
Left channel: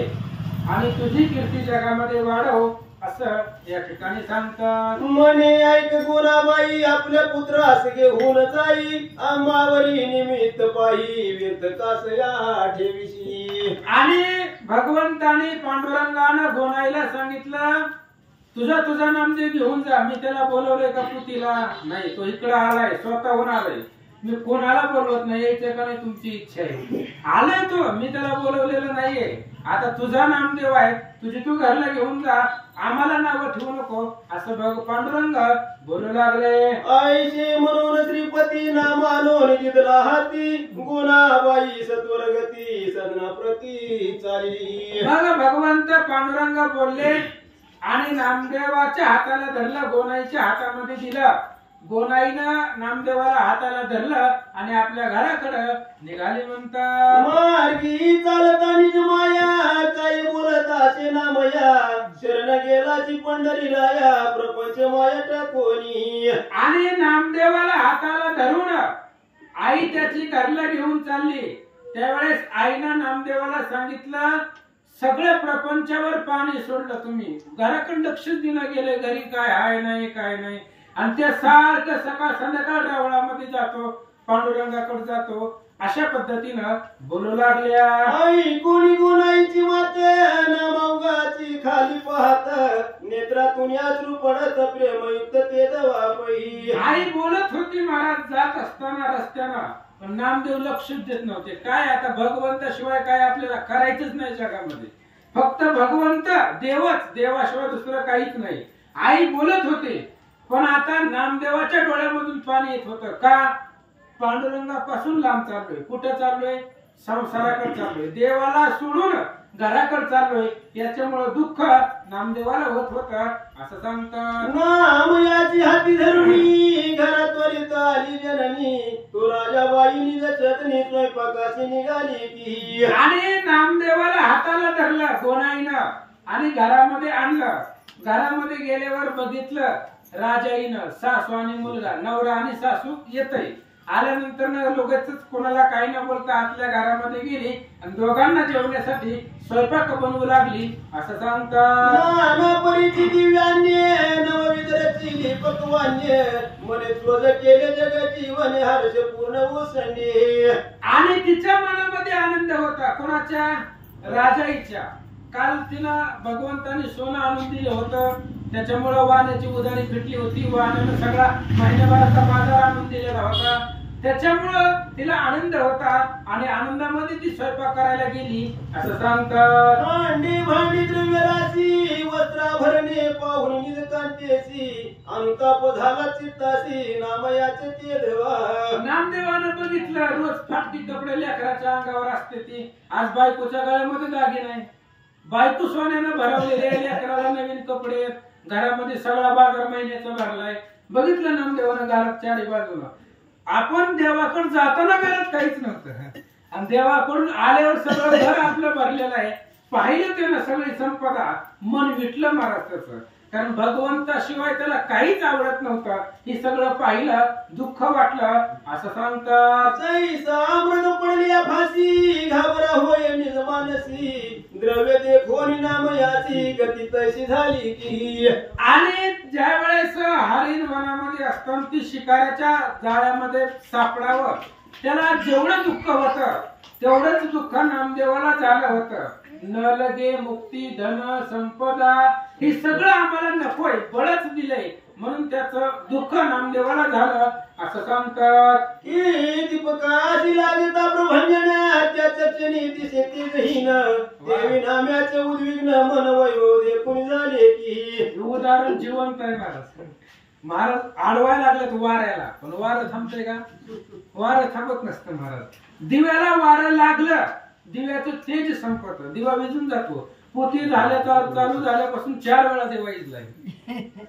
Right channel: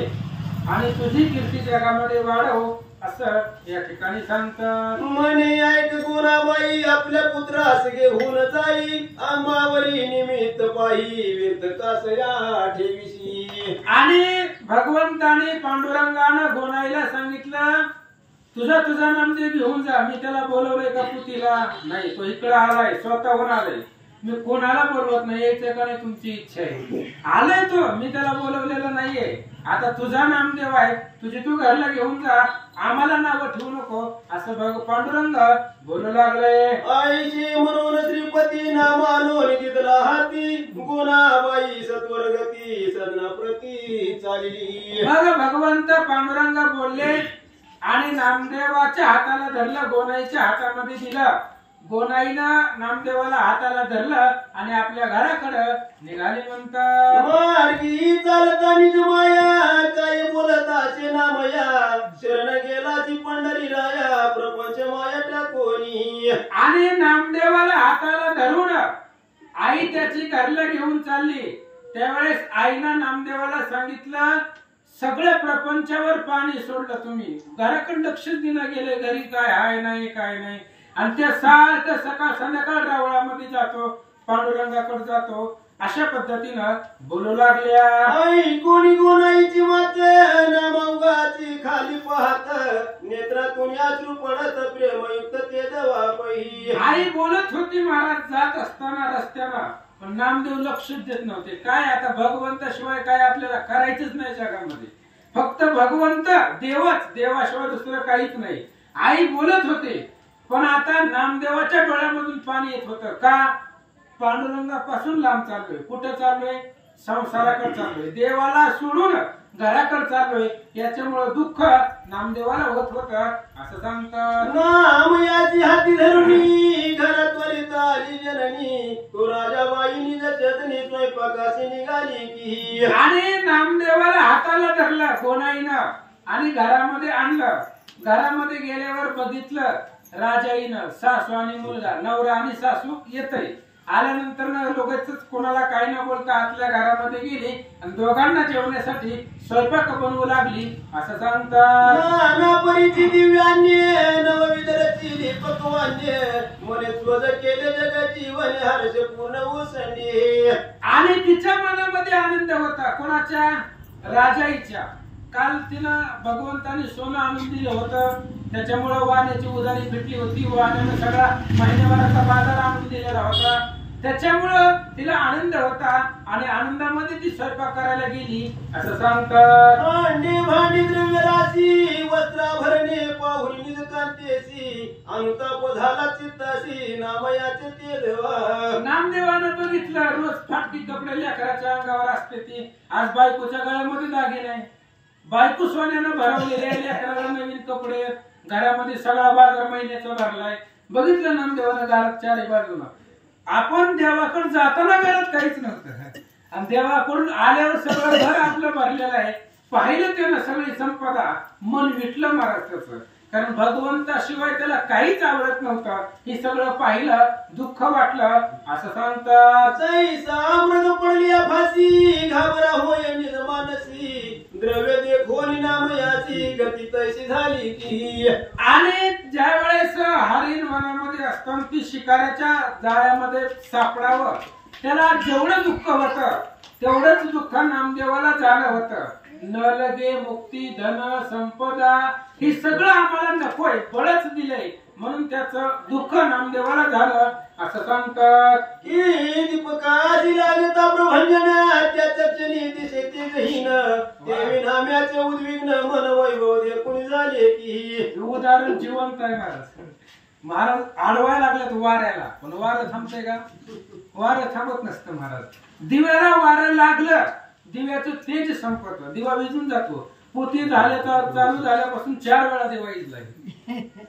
आणि तुझी कीर्ती जगामध्ये वाढव असं या ठिकाणी सांगतात म्हणे ऐक गुणाबाई आपल्या पुत्रास घेऊन जाई आंबावरी निमित्त पायी व्यक्त कास या ठेविशी आणि भगवंताने पांडुरंगानं गोनाईला सांगितलं तुझा नामदेव घेऊन जा मी त्याला बोलवलंय का पुतीला नाही तो इकडे आलाय स्वतःहून आलाय मी कोणाला बोलवत नाही याच्याकडे तुमची इच्छा आहे आलाय तो मी त्याला बोलवलेलं नाहीये आता तुझा नामदेव आहे तुझी तू घरला घेऊन जा आम्हाला नाव ठेवू नको असं पांडुरंग बोलू लागले आईचे म्हणून श्रीपती नामानोन तिथला हाती गुणाबाई सत्वरगती सदना प्रती चालली मग भगवंत पांडुरंग बोलले आणि नामदेवाच्या हाताला धरलं गोनाईच्या हातामध्ये दिलं गोनाईनं नामदेवाला हाताला धरलं आणि आपल्या घराकडे निघाली म्हणतात मार्गी चालता निज माया काही बोलत असे नामया शरण गेलाची पंढरीला या प्रपंच माया टाकोनी आणि नामदेवाला हाताला धरून आई त्याची घरला घेऊन चालली त्यावेळेस आईनं नामदेवाला सांगितलं सगळ्या प्रपंचावर पाणी सोडलं तुम्ही घराकडे लक्षच दिलं गेले घरी काय आहे नाही काय नाही आणि ते सारखं सकाळ संध्याकाळ रावळामध्ये जातो पांडुरंगाकडे जातो अशा पद्धतीनं बोलू लागल्या आई कोणी गुणाईची मात नामांगाची खाली पाहत नेत्रातून अश्रू पडत प्रेमयुक्त ते दवापही आई बोलत होती महाराज जात असताना रस्त्यानं पण नामदेव लक्षच देत नव्हते काय आता भगवंताशिवाय काय आपल्याला करायचंच नाही जगामध्ये फक्त भगवंत देवच देवाशिवाय दुसरं काहीच नाही आई बोलत होते पण आता नामदेवाच्या डोळ्यामधून पाणी येत होतं का पांडुरंगापासून लांब चाललोय कुठे चाललोय संसाराकडे चाललोय देवाला सोडून घराकडे चाललोय याच्यामुळे दुःख नामदेवाला होत होत असं सांगतात नाम याची हाती धरुणी घरात त्वरित आली जननी तो राजाबाई निज चतनी स्वयंपाकाशी निघाली की आणि नामदेवाला हाताला धरलं गोनाईनं आणि घरामध्ये आणलं घरामध्ये गेल्यावर बघितलं राजाईनं सासू आणि मुलगा नवरा आणि सासू येतय आल्यानंतर लोकच कोणाला काही न बोलता आतल्या घरामध्ये गेली आणि दोघांना जेवण्यासाठी स्वयंपाक बनवू लागली असं सांगतात नाना परीची दिव्यान्य नवविध रचिले पक्वान्य मने ध्वज केले जग जीवन हर्ष पूर्ण उसंडे आणि तिच्या मनामध्ये आनंद होता कोणाच्या राजाईच्या काल तिला भगवंताने सोनं आणून दिलं होतं त्याच्यामुळे वाण्याची उधारी फिटली होती वाण्यानं सगळा महिन्याभराचा बाजार आणून दिलेला होता त्याच्यामुळं तिला आनंद होता आणि आनंदामध्ये ती स्वयंपाक करायला गेली असं सांगतात भांडी भांडी द्रव्य राशी वस्त्राभरणे पाहुणी निज कांतेसी अनुताप झाला चित्तासी नामयाचे ते देवा नामदेवानं बघितलं रोज फाटकी कपडे लेकराच्या अंगावर असते ती आज बायकोच्या गळ्यामध्ये दागिने नाही बायको सोन्यानं भरवलेले लेकराला नवीन कपडे घरामध्ये सगळा बाजार महिन्याचा भरलाय बघितलं नामदेवानं घरात चारी बाजूला आपण देवाकडे जाताना घरात काहीच नव्हतं आणि देवाकडून आल्यावर सगळं घर आपलं भरलेलं आहे पाहिलं त्यानं सगळी संपदा मन विटलं महाराष्ट्राचं कारण भगवंताशिवाय त्याला काहीच आवडत नव्हतं हे सगळं पाहिलं दुःख वाटलं असं सांगतात मृग पडली फाशी घाबरा होय निज मानसी द्रव्य देखोनी नाम याची गती तशी झाली की आणि ज्या वेळेस हरिण वनामध्ये असताना ती शिकाऱ्याच्या जाळ्यामध्ये सापडावं त्याला जेवढं दुःख होतं तेवढंच दुःख नामदेवाला झालं होतं न लगे मुक्ती धन संपदा हे सगळं आम्हाला नकोय बळच दिलंय म्हणून त्याचं दुःख नामदेवाला झालं असं सांगतात दीपकाची लागता प्रभंजना त्याच्या क्षणी दिसे तेजहीन देवी नाम्याचे उद्विग्न मन वैभव देखून झाले की उदाहरण जिवंत आहे महाराज आडवायला लागल्यात वाऱ्याला पण वारं थांबतंय का वारं थांबत नसतं महाराज दिव्याला वारं लागलं दिव्याचं तेज संपत दिवा विजून जातो पोती झाल्याचा चालू झाल्यापासून 4 वेळा दिवा विजलाय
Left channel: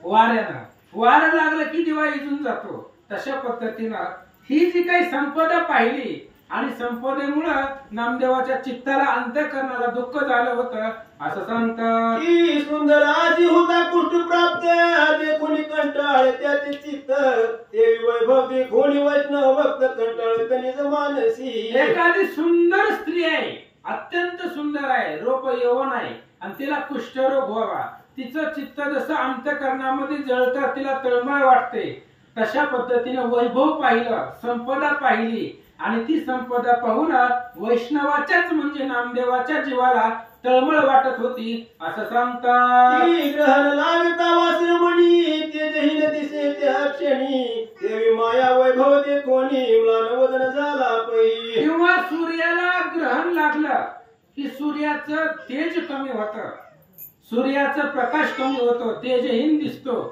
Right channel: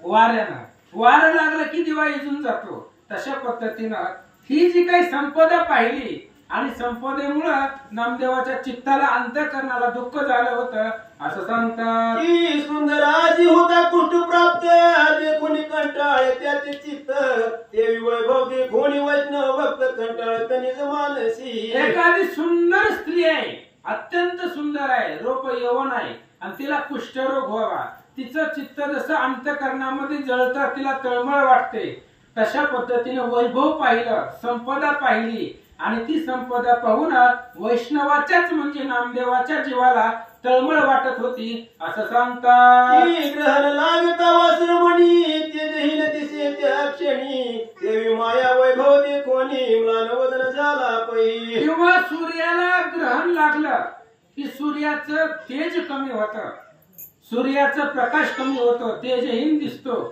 वाऱ्यानं वारं लागलं की दिवा इजून जातो. तशा पद्धतीनं ही जी काही संपदा पाहिली आणि संपदेमुळं नामदेवाच्या चित्ताला अंतःकरणाला दुःख झालं होतं असं सांगतात. की सुंदराजी होता कुष्ठ प्राप्त देखोनी कंटाळ त्याचे चित्त देवी वैभव देखोनी वैष्णव भक्त कंटाळ निज मानसी. एखादी सुंदर स्त्री आहे, अत्यंत सुंदर आहे, रूप यौवन आहे आणि तिला कुष्ठरोग व्हावा, तिचं चित्त जसं अंतःकरणामध्ये जळतं, तिला तळमळ वाटते, तशा पद्धतीने वैभव पाहिलं, संपदा पाहिली आणि ती संपदा पाहून वैष्णवाच्याच म्हणजे नामदेवाच्या जीवाला तळमळ वाटत होती असं सांगतात. ग्रहण लागता वासरमणी तेजहीन दिसे त्या क्षणी देवी माया वैभव देखोनी म्लान वदन झाला पै. किंवा सूर्याला ग्रहण लागलं की सूर्याचं तेज कमी होतं, सूर्याचा प्रकाश कमी होतो, तेजहीन दिसतो.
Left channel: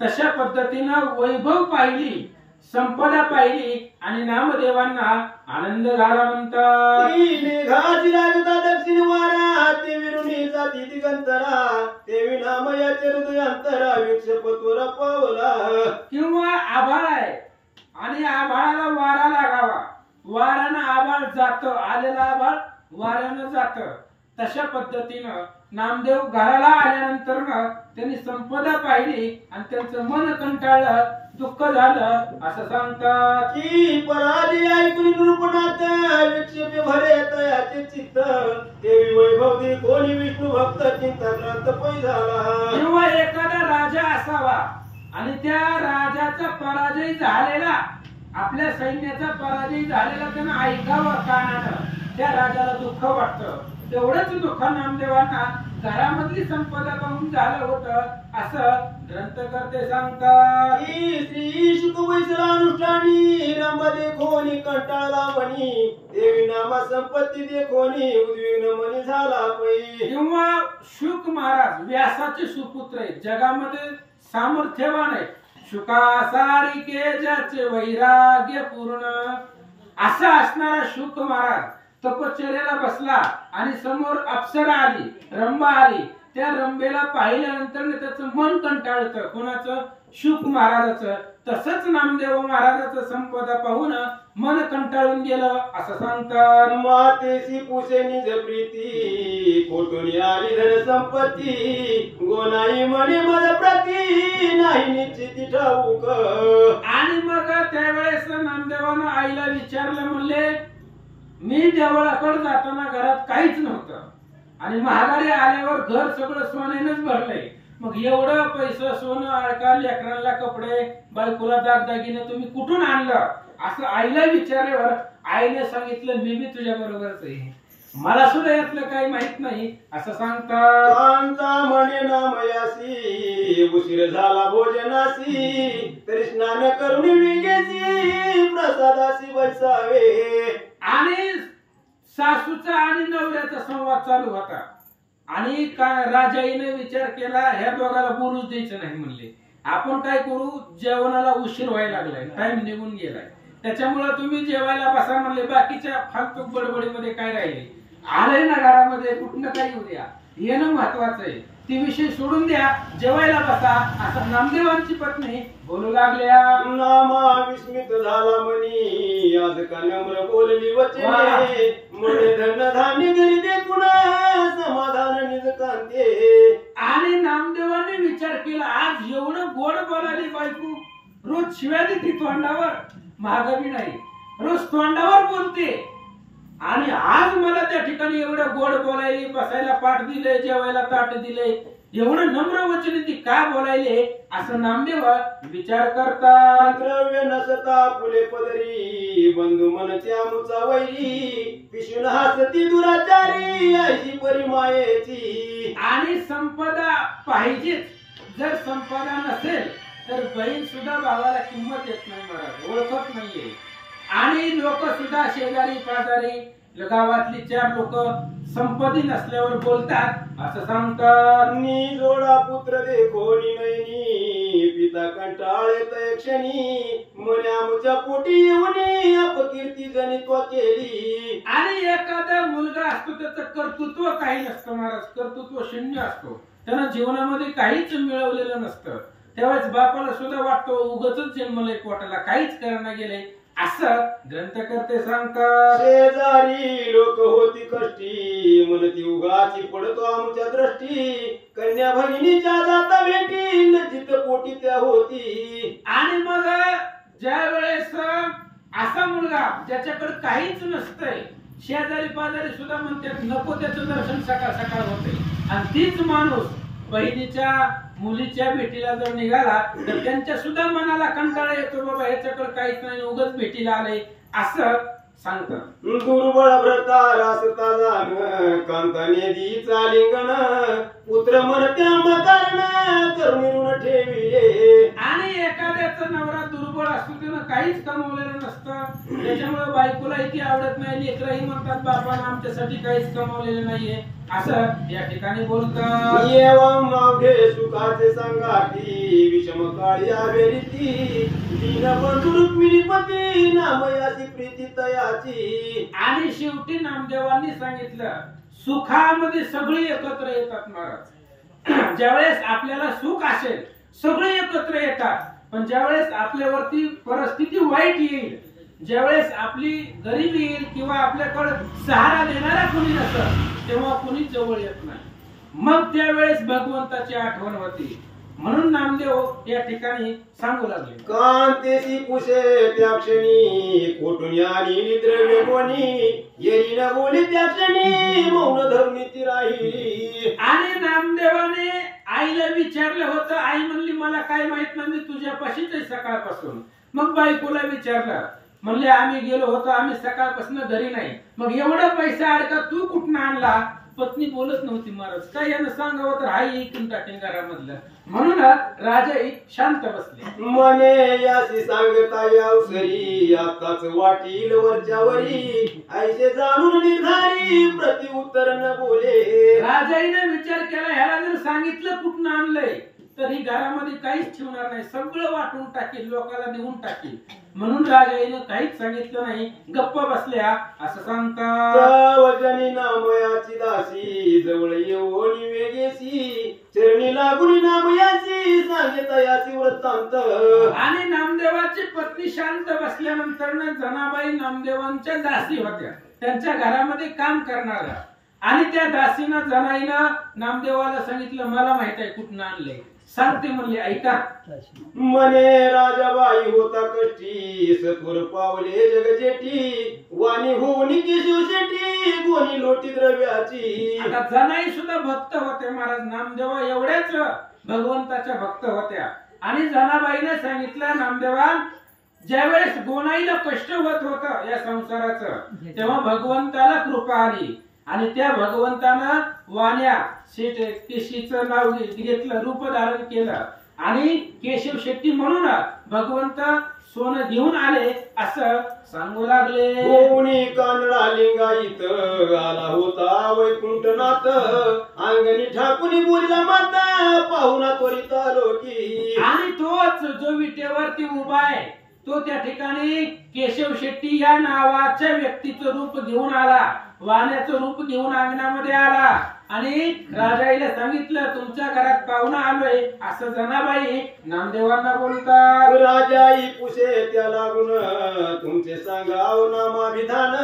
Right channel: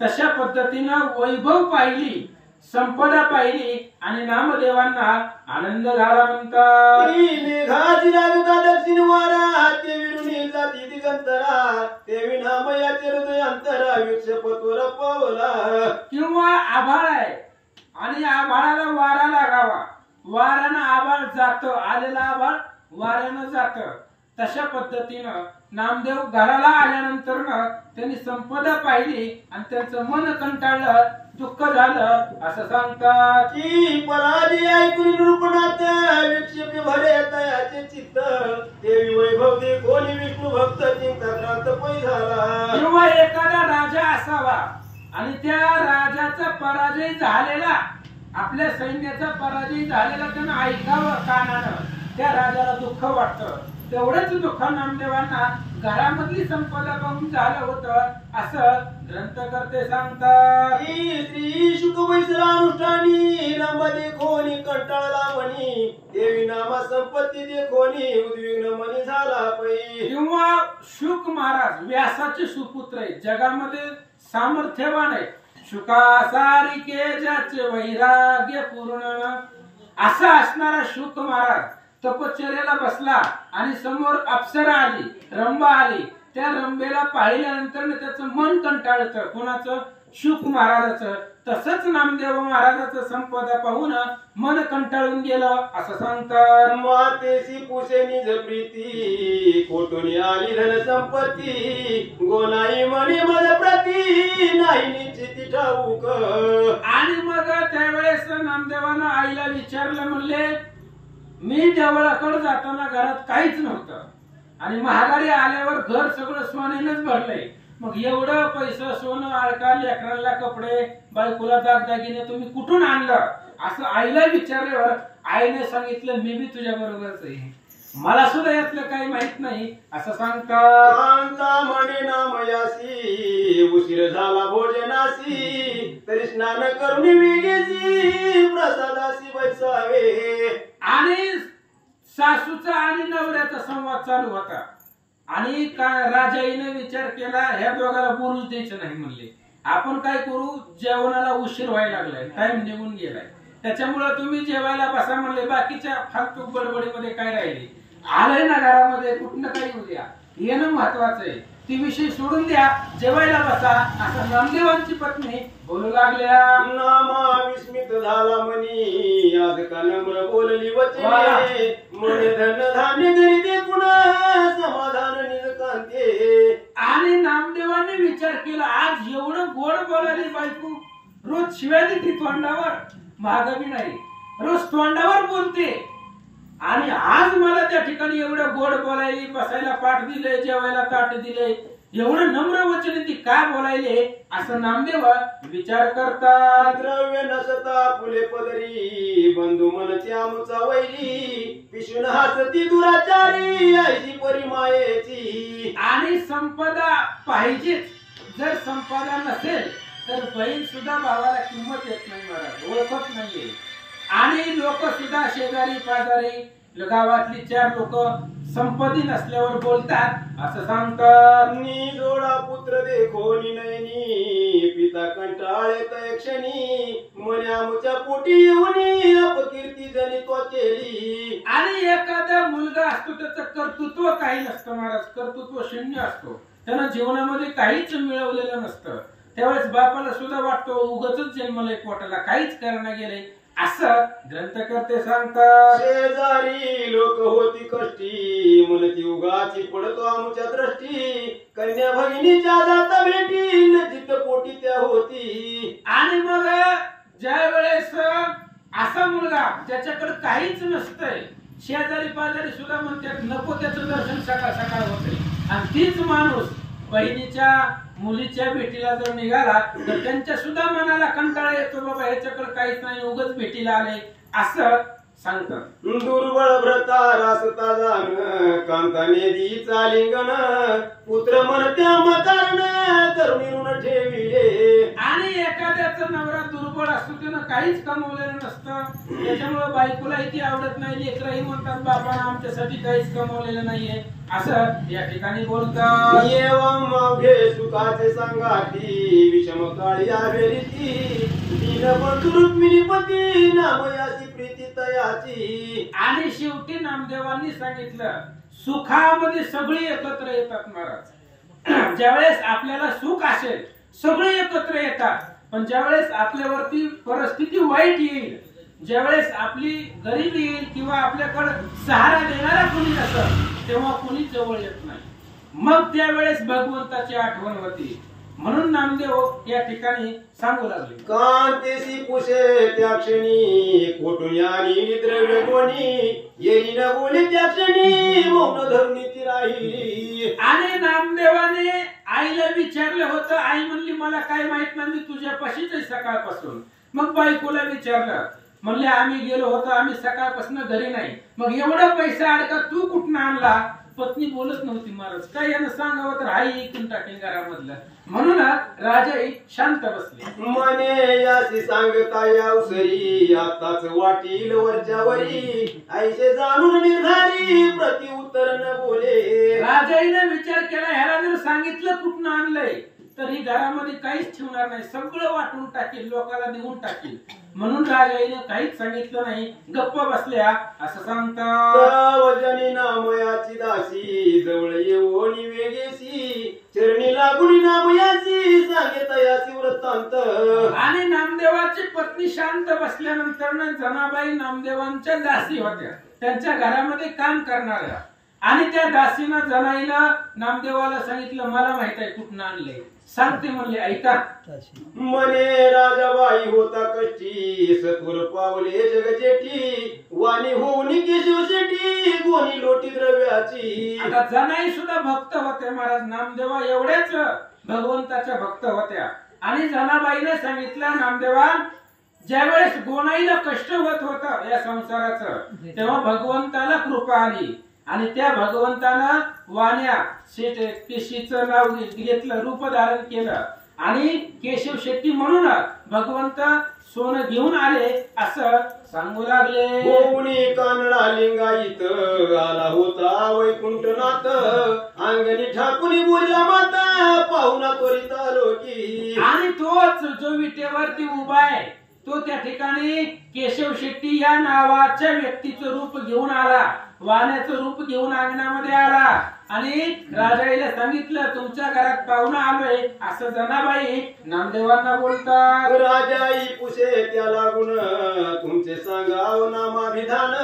तशा पद्धतीनं वैभव पाहिली, संपदा पाहिली आणि नामदेवांना आनंद झाला म्हणतात. मेघाची लागता दक्षिण वारा ते विरुणीचा दिगंतरा देवी नामयाचे हृदय अंतरा विक्षपत्वर पावला. किंवा आभाळ आहे आणि आभाळाला वारा लागावा, वाऱ्यानं आभाळ जातं, आलेला आभाळ वाऱ्यानं जातं. तशा पद्धतीनं नामदेव घराला आल्यानंतर त्यांनी संपदा पाहिली आणि त्यांचं मन कंटाळलं, दुःख झालं असं सांगतात. की पराजय ऐकून निरूपणात विक्षेप भरे तयाचे चित्त देवी वैभव देखोनी विष्णू भक्त चिंताक्रांत पै झाला. किंवा एखादा राजा असावा आणि त्या राजाचा पराजय झालेला, आपल्या सैन्याचा पराजय झालेला त्यानं ऐकावं कानानं, त्या राजाला दुःख वाटतं. तेवढंच दुःख नामदेवांना घरामधली संपदा पाहून झालं होतं असं ग्रंथकर्ते सांगतात. श्री शुक वैसरानुष्ठानी रंबा देखोनी कंटाळला मनी देवी नामा संपत्ती देखोनी उद्विग्न मनी झाला पै. किंवा शुक महाराज व्यासाचे सुपुत्र आहेत, जगामध्ये सामर्थ्यवान आहे. शुकासारिके ज्याचे वैराग्य पूर्ण असा असणारा शुक महाराज तपश्चर्याला बसला आणि समोर अप्सरा आली, रंबा आली. त्या रंबेला पाहिल्यानंतर त्याचं मन कंटाळतं, कोणाचं? शुक महाराजाचं. तसंच नामदेव महाराजाचं संपदा पाहून मन कंटाळून गेलं असं सांगतात. मातेशी पुषे निज प्रीती कोटुनी आली धन संपत्ती गोनाई म्हणे मज प्रती नाही निश्चिती ठाऊक. आणि मग त्यावेळेस नामदेवानं आईला विचारलं, म्हणले मी देवळाकडे जाताना घरात काहीच नव्हतं आणि महागारी आल्यावर घर सगळं सोन्यानेच भरलंय. मग एवढं पैसा, सोनं, अडका, लेकरांना कपडे, बायकोला दागदागिने तुम्ही कुठून आणलं असं आईला विचारल्यावर आईने सांगितलं मी बी तुझ्या बरोबरच आहे, मला सुद्धा यातलं काही माहित नाही असं सांगतात. म्हणे नामयासी उशीर झाला भोजनासी तरी स्नान करून वेगेसी प्रसादासी बसावे. आणि सासूचा आणि नवऱ्याचा संवाद चालू होता आणि राजाईने विचार केला ह्या दोघाला बोलूच द्यायचं नाही. म्हणले आपण काय करू, जेवणाला उशीर व्हायला लागलाय, टाइम निघून गेलाय, त्याच्यामुळे तुम्ही जेवायला बसा म्हणले. बाकीच्या फालतू बडबडीमध्ये काय राहिले, आलंय ना घरामध्ये, कुठनं काही उद्या येणं महत्वाचं आहे, ती विषय सोडून द्या, जेवायला बसा असं नामदेवांची पत्नी बोलू लागल्या. नामा विस्मित झाला मनी आज का नम्र बोलली वचने म्हणे धन धान्य घरी देखून समाधान निज कांते. आणि नामदेवांनी विचार केला आज एवढं गोड बोलायली बायको, रोज शिव्या देते तोंडावर, महागावी नाही, रोज तोंडावर बोलते आणि आज मला त्या ठिकाणी एवढं गोड बोलायली, बसायला पाठ दिले, जेवायला ताट दिले, एवढं नम्र वचन ती काय बोलायले असं नामदेव विचार करतात. द्रव्य नसता फुले पदरी बंधू मनचे आमुचा वैरी पिशून हसती दुराचारी ऐशी परिमायेची. आणि संपदा पाहिजेच, जर संपदा नसेल तर बहीण सुद्धा भावाला किंमत येत नाही, महाराज ओळखत नाहीये. आणि लोक सुद्धा शेजारी पाजारी गावातली 4 लोक संपत्ती नसल्यावर बोलतात असं सांगतात. जोडा पुत्र देखो नयनी बघितला कंटाळे तय क्षणी म्हणे आमच्या पोटी येऊन अपकीर्ती जनित्व केली. आणि एखादा मुलगा असतो त्याचं कर्तृत्व काही नसतं महाराज, कर्तृत्व शून्य असतो, त्यानं जीवनामध्ये काहीच मिळवलेलं नसतं. त्यावेळेस बापाला सुद्धा वाटतो उगाचच जन्मलंय पोटाला, काहीच करणं गेलंय असं ग्रंथकर्ते सांगतात. शेजारी लोक होती कष्टी म्हणती उगाची पडतो आमच्या दृष्टी कन्या भगिनीच्या जाता भेटी नजिक पोटी त्या होती. आणि मग ज्या वेळेस असा मुलगा ज्याच्याकडे काहीच नसतंय, शेजारी पाजारी सुद्धा म्हणतात नको त्याचं दर्शन सकाळ सकाळ होते, आणि तीच माणूस बहिणीच्या मुलीच्या भेटीला जर निघाला तर त्यांच्या सुद्धा मनाला कंटाळा येतो, बाबा ह्याच्याकडे काहीच नाही उगाच भेटीला आले असं सांगतात. दुर्बळ व्रता रासता जाण कांताने दीचा लिंगण पुत्र मरत्या मकारण तरुणी ऋण ठेविले. आणि एखाद्याचा नवरा दुर्बळ असतो, त्यानं काहीच कमवलेलं नसतं, त्याच्यामुळे बायकोलाही ती आवडत नाही, लेकरही म्हणतात बाबांना आमच्यासाठी काहीच कमवलेलं नाहीये असं या ठिकाणी बोलतात. येवं मागे सुखाचे सांगाती विषम काळी आवेरीती दीनबंधू रुक्मिणीपती नामयाची प्रीती तयाची. आणि शेवटी नामदेवांनी सांगितलं सुखामध्ये सगळे एकत्र येतात महाराज. ज्यावेळेस आपल्याला सुख असेल सगळे एकत्र येतात, पण ज्यावेळेस आपल्यावरती परिस्थिती वाईट येईल, ज्यावेळेस आपली गरीबी येईल किंवा आपल्याकडे सहारा देणारा कोणी नसेल तेव्हा कोणी जवळ येत नाही, मग त्यावेळेस भगवंताची आठवण होती. म्हणून नामदेव या ठिकाणी सांगू लागले कांतेसी पुषे त्या क्षणी कोटून आणि द्रव्य कोणी येई न बोले त्या क्षणी मौन धरून ती राहिली. आणि नामदेवाने आईला विचारलं होतं, आई म्हणली मला काय माहित नाही, मी तुझ्यापाशीच आहे सकाळपासून. मग बायकोला विचारलं, म्हणले आम्ही गेलो होतो, आम्ही सकाळपासून घरी नाही. मग एवढा पैसा अडका तू कुठून आणला? पत्नी बोलत नव्हती महाराज, काय यानं सांगावं तर आई ऐकून टाकेल घरामधलं. म्हणून राजा एक शांत बसले. मने यासी सांगता यावसरी आताच वाटील वरच्यावरी ऐसे जाणून निर्धारी प्रति उत्तर न बोले. राजाईने विचार केला, ह्याला जर सांगितलं कुठून आणलंय तर ही घरामध्ये काहीच ठेवणार नाही, सगळं वाटून टाकेल, लोकांना देऊन टाकेल. म्हणून राजाईने काहीच सांगितलं नाही, गप्प बसल्या. असं सांगतात वजनी नामयाची दासी जवळ येऊन वेगेसी चरणी लागून नामयाची सांगता याची वृत्तांत. आणि नामदेवाची पत्नी शांत बसल्यानंतर जनाबाई नामदेवांच्या दासी होत्या, त्यांच्या घरामध्ये काम करणाऱ्या. आणि त्या दासीनं जनाईनं नामदेवाला सांगितलं मला माहित आहे कुठून आणले, सांगते म्हणले ऐका. मने राजाबाई होता कष्टी सत्वर पावले जगजेठी वाणी होऊन केशव शेठी गोनी लोटी द्रव्याची. आता जनाई सुद्धा भक्त होते महाराज, नामदेवा एवढ्याच भगवंताच्या भक्त होत्या. आणि जनाबाईने सांगितलं नामदेवा ज्यावेळेस गोनाईला कष्ट होत होतं या संसाराचं तेव्हा भगवंताला कृपा आली, आणि त्या भगवंतानं वाण्या केशीचं नाव घेतलं, रूप धारण केलं, आणि केशव शेट्टी म्हणून भगवंत सोनं घेऊन आले असं सांगू लागले. गोवणी कानडा लिंगायत आला होता वैकुंठनाथ अंगणी ठाकुनी बोलला माता पाहुणा त्वरित आलो की. आणि तोच जो विटेवरती उभा आहे तो त्या ठिकाणी केशव शेट्टी या नावाच्या व्यक्तीचं रूप घेऊन आला, वाण्याचं रूप घेऊन अंगणामध्ये आला. आणि राजाईला सांगितलं तुमच्या घरात पाहुणा आलोय असं जनाबाई नामदेवांना बोलतात. राजाई पुषे त्या लागून तुमचे सांगाव नामाभिधान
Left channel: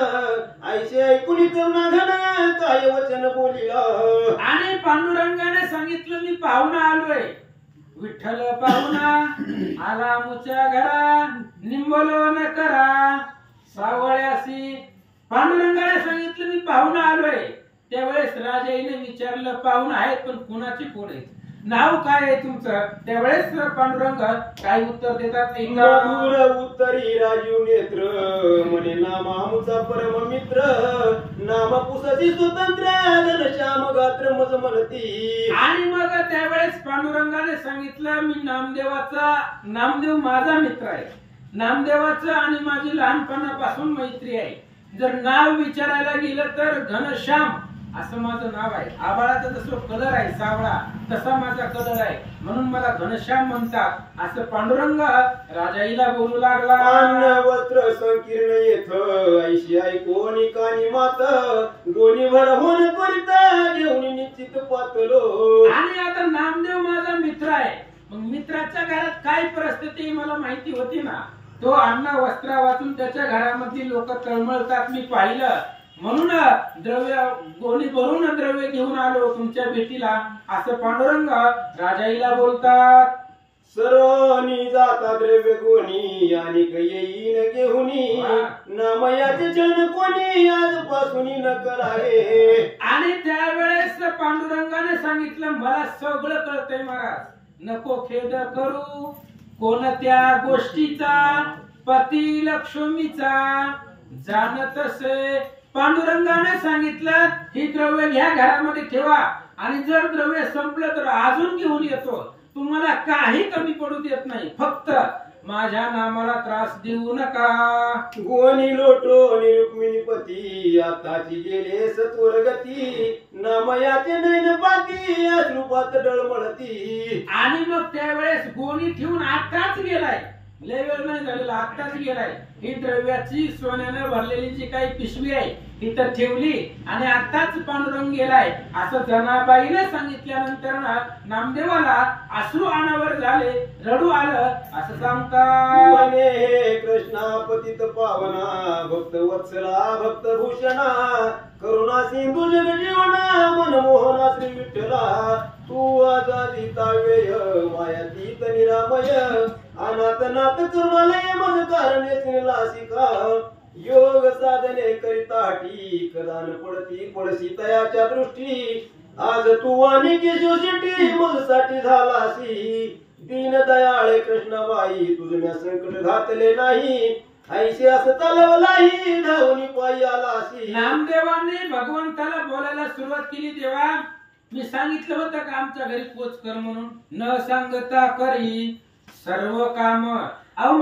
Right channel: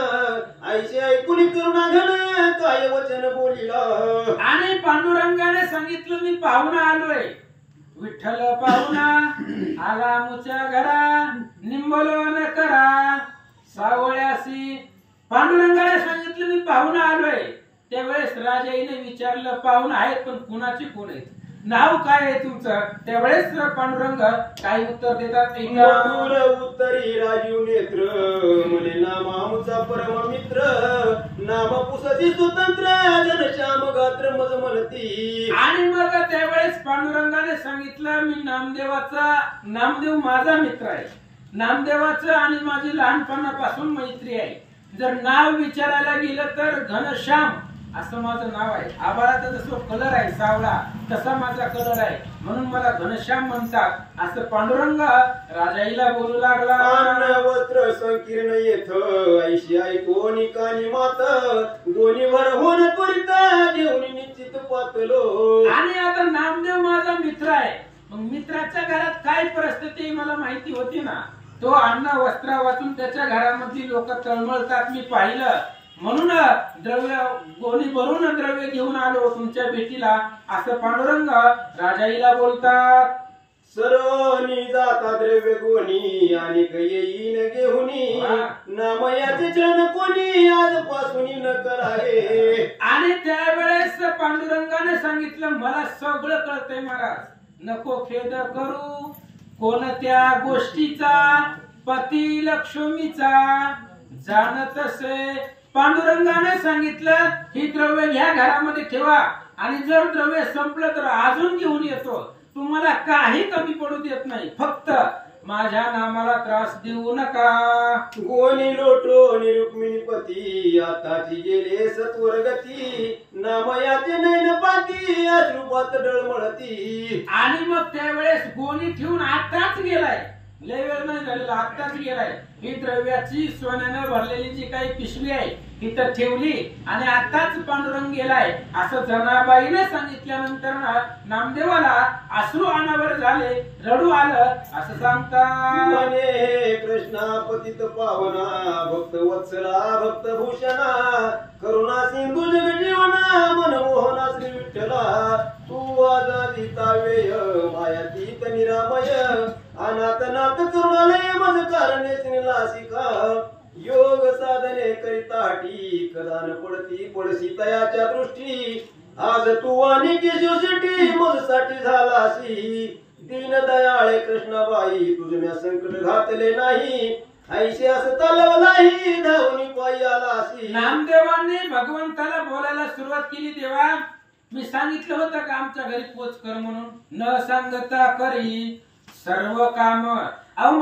ऐसे ऐकून करुणा घन काय वचन बोलिला. आणि पांडुरंगाने सांगितलं मी पाहुणा आलोय, विठ्ठल पाहुणा आला मुच्या घरा निंबलो न करा सावळ्यासी. पांडुरंगाने सांगितलं मी पाहुणा आलोय. त्यावेळेस राजाईने विचारलं पाहुणा आहेत पण कुणाचे कोण आहेत, नाव काय आहे तुमचं? त्यावेळेस पांडुरंग काय उत्तर देतात मधुर उत्तरी राजीव नेत्र म्हणे नामामुचा परम मित्र नाम पुसती स्वतंत्र घनश्याम गात्र मज म्हणती. आणि मग त्यावेळेस पांडुरंगाने सांगितलं मी नामदेव माझा मित्र आहे, नामदेवाचं आणि माझी लहानपणापासून मैत्री आहे. जर नाव विचारायला गेलं तर घनश्याम असं माझं नाव आहे. आबाळाचा जसं कलर आहे सावळा तसा माझा कलर आहे, म्हणून मला घनश्याम म्हणतात. असं पांडुरंग राजाईला बोलू लागला. अन्न वस्त्र संकीर्ण येथ ऐशी ऐकोनी कानी मात गोणी भर होण त्वरित घेऊन निश्चित पातलो. आणि आता नामदेव माझा मित्र आहे, मग मित्राच्या घरात काय परिस्थिती मला माहिती होती ना. तो अन्न वस्त्र वाचून त्याच्या घरामधली लोक तळमळतात मी पाहिलं, म्हणून द्रव्य गोणी भरून द्रव्य घेऊन आलो तुमच्या भेटीला. असं पांडुरंग राजाईला बोलतात. सर्वनी जाता द्रव्य गोणी आणि येईन घेऊनी नामयाचे जन कोणी आजपासून न करावे. आणि त्यावेळेस पांडुरंगाने सांगितलं मला सगळं कळतंय महाराज, नको खेद करू. कोणत्या गोष्टीचा पती लक्ष्मीचा जाणतसे. पांडुरंगाने सांगितलं ही द्रव्य घ्या घरामध्ये ठेवा, आणि जर द्रव्य संपलं तर अजून घेऊन येतो. तुम्हाला काही कमी पडू देत नाही, फक्त माझ्या नामाला त्रास देऊ नका. गोणी लोटो रुक्मिणीपती आताची गेले सत्वरगती नामयाचे नैन पाती अश्रुपात डळमळती. आणि मग त्यावेळेस गोणी ठेवून आताच गेलाय, लय वेळ नाही झालेला, आताच गेलाय. ही द्रव्याची सोन्याने भरलेली जी काही पिशवी आहे ती तर ठेवली आणि आताच पांडुरंग गेलाय. असं जनाबाईने सांगितल्यानंतर नामदेवाला अश्रू अनावर झाले, रडू आलं. असं सांगतात. मने कृष्णा पतित पावना भक्त वत्सला भक्त भूषणा करुणा सिंधू जग जीवना मनमोहना श्री विठ्ठला. तू आजादिता वेय मायातीत निरामय अनाथ नाथ करुणालय मज कारणे लासिका. योग साधने करिताठी कदान पडती पडसी तयाच्या दृष्टी. आज तू आणि केशवशेट्टी मजसाठी झालासी. दीन दयाळे कृष्णाबाई तुझ्या संकट घातले नाही ऐसे असं तलवलाही धावनी पायी आलासी. नामदेवांनी भगवंताला बोलायला सुरुवात केली. तेव्हा मी सांगितलं होतं का आमच्या घरी पोच कर म्हणून. न सांगता करी सर्व काम. अहो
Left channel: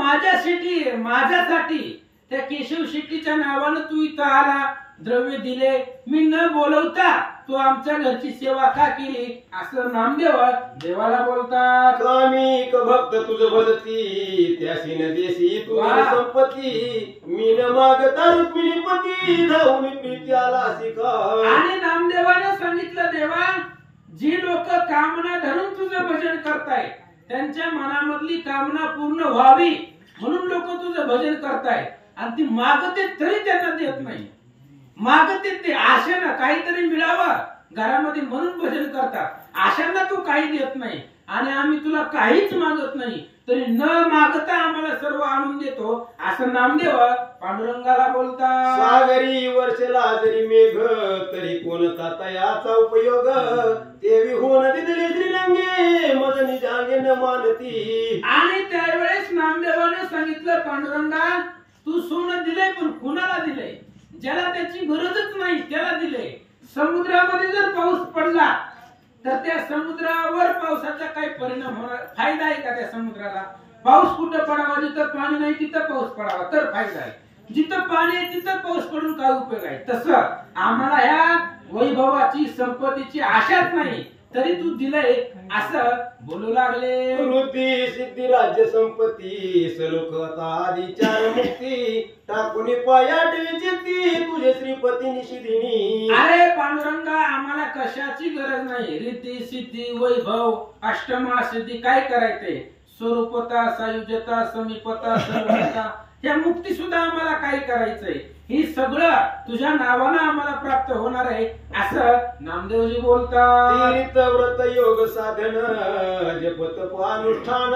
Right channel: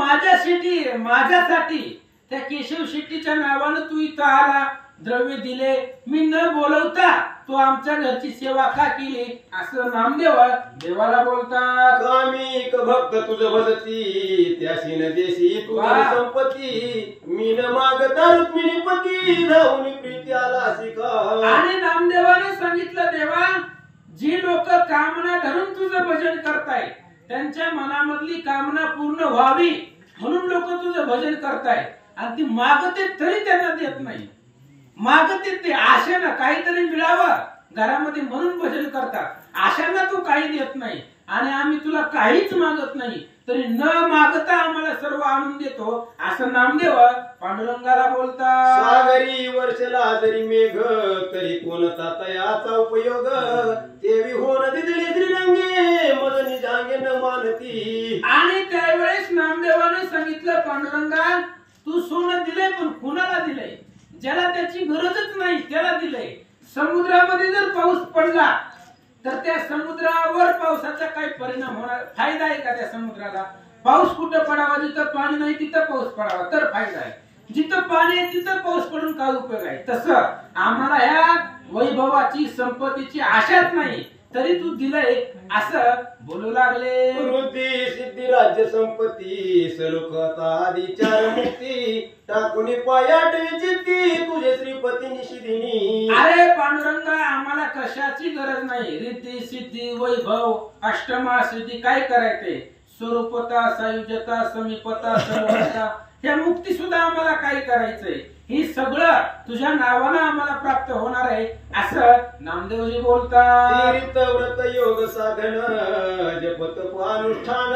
माझ्यासाठी त्या केशव शेट्टीच्या नावानं तू इथं आला, द्रव्य दिले, मी न बोलवता तू आमच्या घरची सेवा का केली. असं नामदेव देवाला बोलतात. कामिक भक्त तुझ भजती त्याशी न देशी तुझी संपत्ती. मी न मागता रुक्मिणीपती धावून प्रीती आलासी का. आणि नामदेवाने सांगितलं देवा, जी लोक कामना धरून तुझं भजन करताय त्यांच्या मनामधली कामना पूर्ण व्हावी म्हणून लोक तुझं भजन करताय, आणि ती मागते तरी त्यांना देत नाही. मागते ते आशेनं काहीतरी मिळावं घरामध्ये म्हणून भजन करतात. आशांना तू काही देत नाही, आणि आम्ही तुला काहीच मागत नाही तरी न मागता आम्हाला सर्व आणून देतो. असं नामदेव पांडुरंगाला बोलतात. सागरी वर्षला जरी मेघ तरी कोणता तयाचा उपयोग. देवी होऊन दिली श्रीरंगे मदनी जागे न मानती. आणि त्यावेळेस नामदेवाने सांगितलं पांडुरंगा, तू सोनं दिले पण कुणाला दिले. ज्याला त्याची गरजच नाही त्याला दिले. समुद्रामध्ये जर पाऊस पडला तर त्या समुद्रावर पावसाचा काही परिणाम होणार, फायदा आहे का त्या समुद्राला. पाऊस कुठं पडावा, जिथं पाणी नाही तिथं पाऊस पडावा तर फायदा आहे. जिथं पाणी आहे तिथं पाऊस पडून काय उपयोग आहे. तसं आम्हाला ह्या वैभवाची संपत्तीची आशाच नाही तरी तू दिलंय असं बोलू लागले. वृद्धी सिद्धी राज्य संपत्ती सलोकता आदी चार मुक्ती टाकून पायाटवी चित्ती तुझे श्रीपती निशिदिनी. अरे पांडुरंगा, आम्हाला कशाची गरज नाही. रिद्धी सिद्धी वैभव अष्टमा सिद्धी काय करायचे. स्वरूपता सायुज्यता समीपता सर्वता ह्या मुक्ती सुद्धा आम्हाला काय करायचंय. ही सगळं तुझ्या नावानं आम्हाला प्राप्त होणार आहे असं नामदेवजी बोलतात. तीर्थ व्रत योग साधन जप तप अनुष्ठान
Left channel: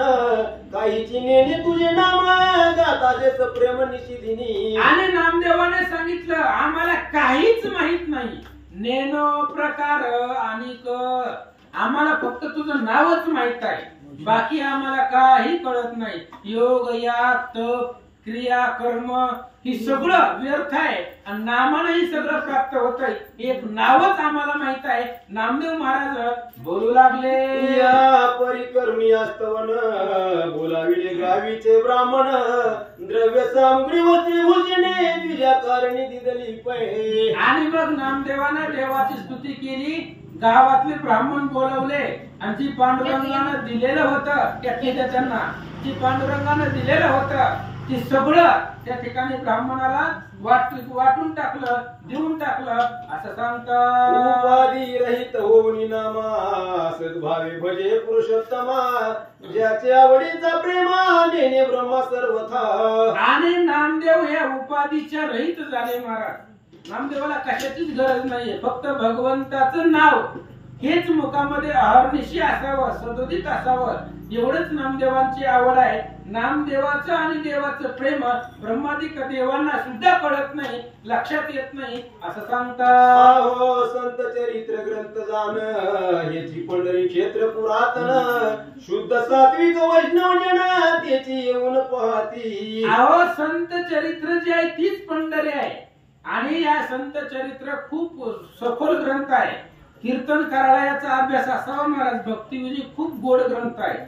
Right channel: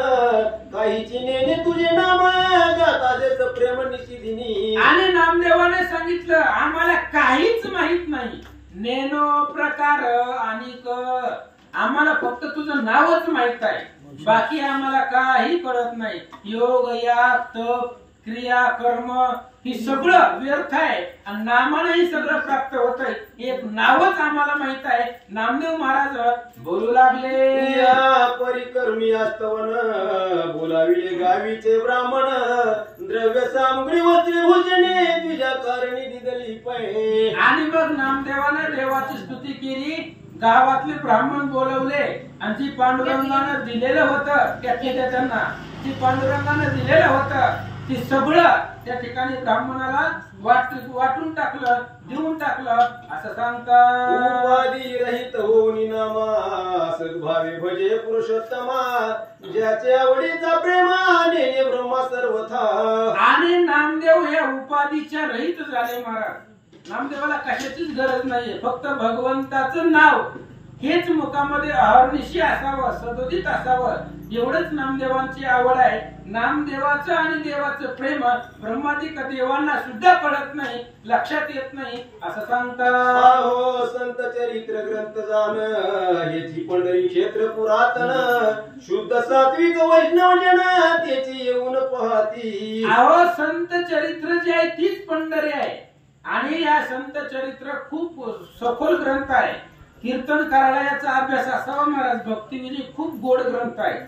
काहीची नेणे तुझे नाम गाताजेच प्रेम निशिदिनी. आणि नामदेवाने सांगितलं आम्हाला काहीच माहित नाही. नेनो प्रकार आणि आम्हाला फक्त तुझं नावच माहित आहे, बाकी आम्हाला काही कळत नाही. योग या तप क्रिया कर्म ही सगळं व्यर्थ आहे, आणि नामानं ही सगळं प्राप्त होत आहे. एक नावच आम्हाला माहित आहे. नामदेव महाराज बोलू लागले. या परिकर्मी अस्तवन बोलाविले गावीचे ब्राह्मण द्रव्य सामग्री वस्त्रे भोजने तुझ्या कारणी दिदली पळे. आणि मग नामदेवाने देवाची स्तुती केली. गावातले ब्राह्मण बोलवले आणि जी पांडुरंगानं दिलेलं होतं त्यांना जी पांडुरंगानं दिलेलं होतं ती सगळं त्या ठिकाणी ब्राह्मणाला वाटून टाकलं, देऊन टाकलं असं सांगतात. उपाधी रहित होऊन नामा सद्भावे भजे पुरुषोत्तमा, ज्याचे आवडीचा प्रेमाने ब्रह्मा सर्वथा. आणि नामदेव या उपाधीच्या रहित झाले महाराज. नामदेवाला कशाचीच गरज नाहीये, फक्त भगवंताचं नाव हेच मुखामध्ये अहर्निशी असावं, सदोदित असावं, एवढंच नामदेवांची आवड आहे. नामदेवाचं आणि देवाचं प्रेम ब्रह्मादिक देवांना सुद्धा कळत नाही, लक्षात येत नाही असं सांगतात. हो संत चरित्र ग्रंथ जाण हेची पंढरी क्षेत्र पुरातन, शुद्ध सात्विक वैष्णव जन त्याची येऊन पाहती. अहो संत चरित्र जे आहे तीच पंढरी आहे. आणि या संत चरित्र खूप सखोल ग्रंथ आहे. कीर्तन कार्यालयाचा अभ्यास असावा महाराज. भक्तिविधी खूप गोड ग्रंथ आहे.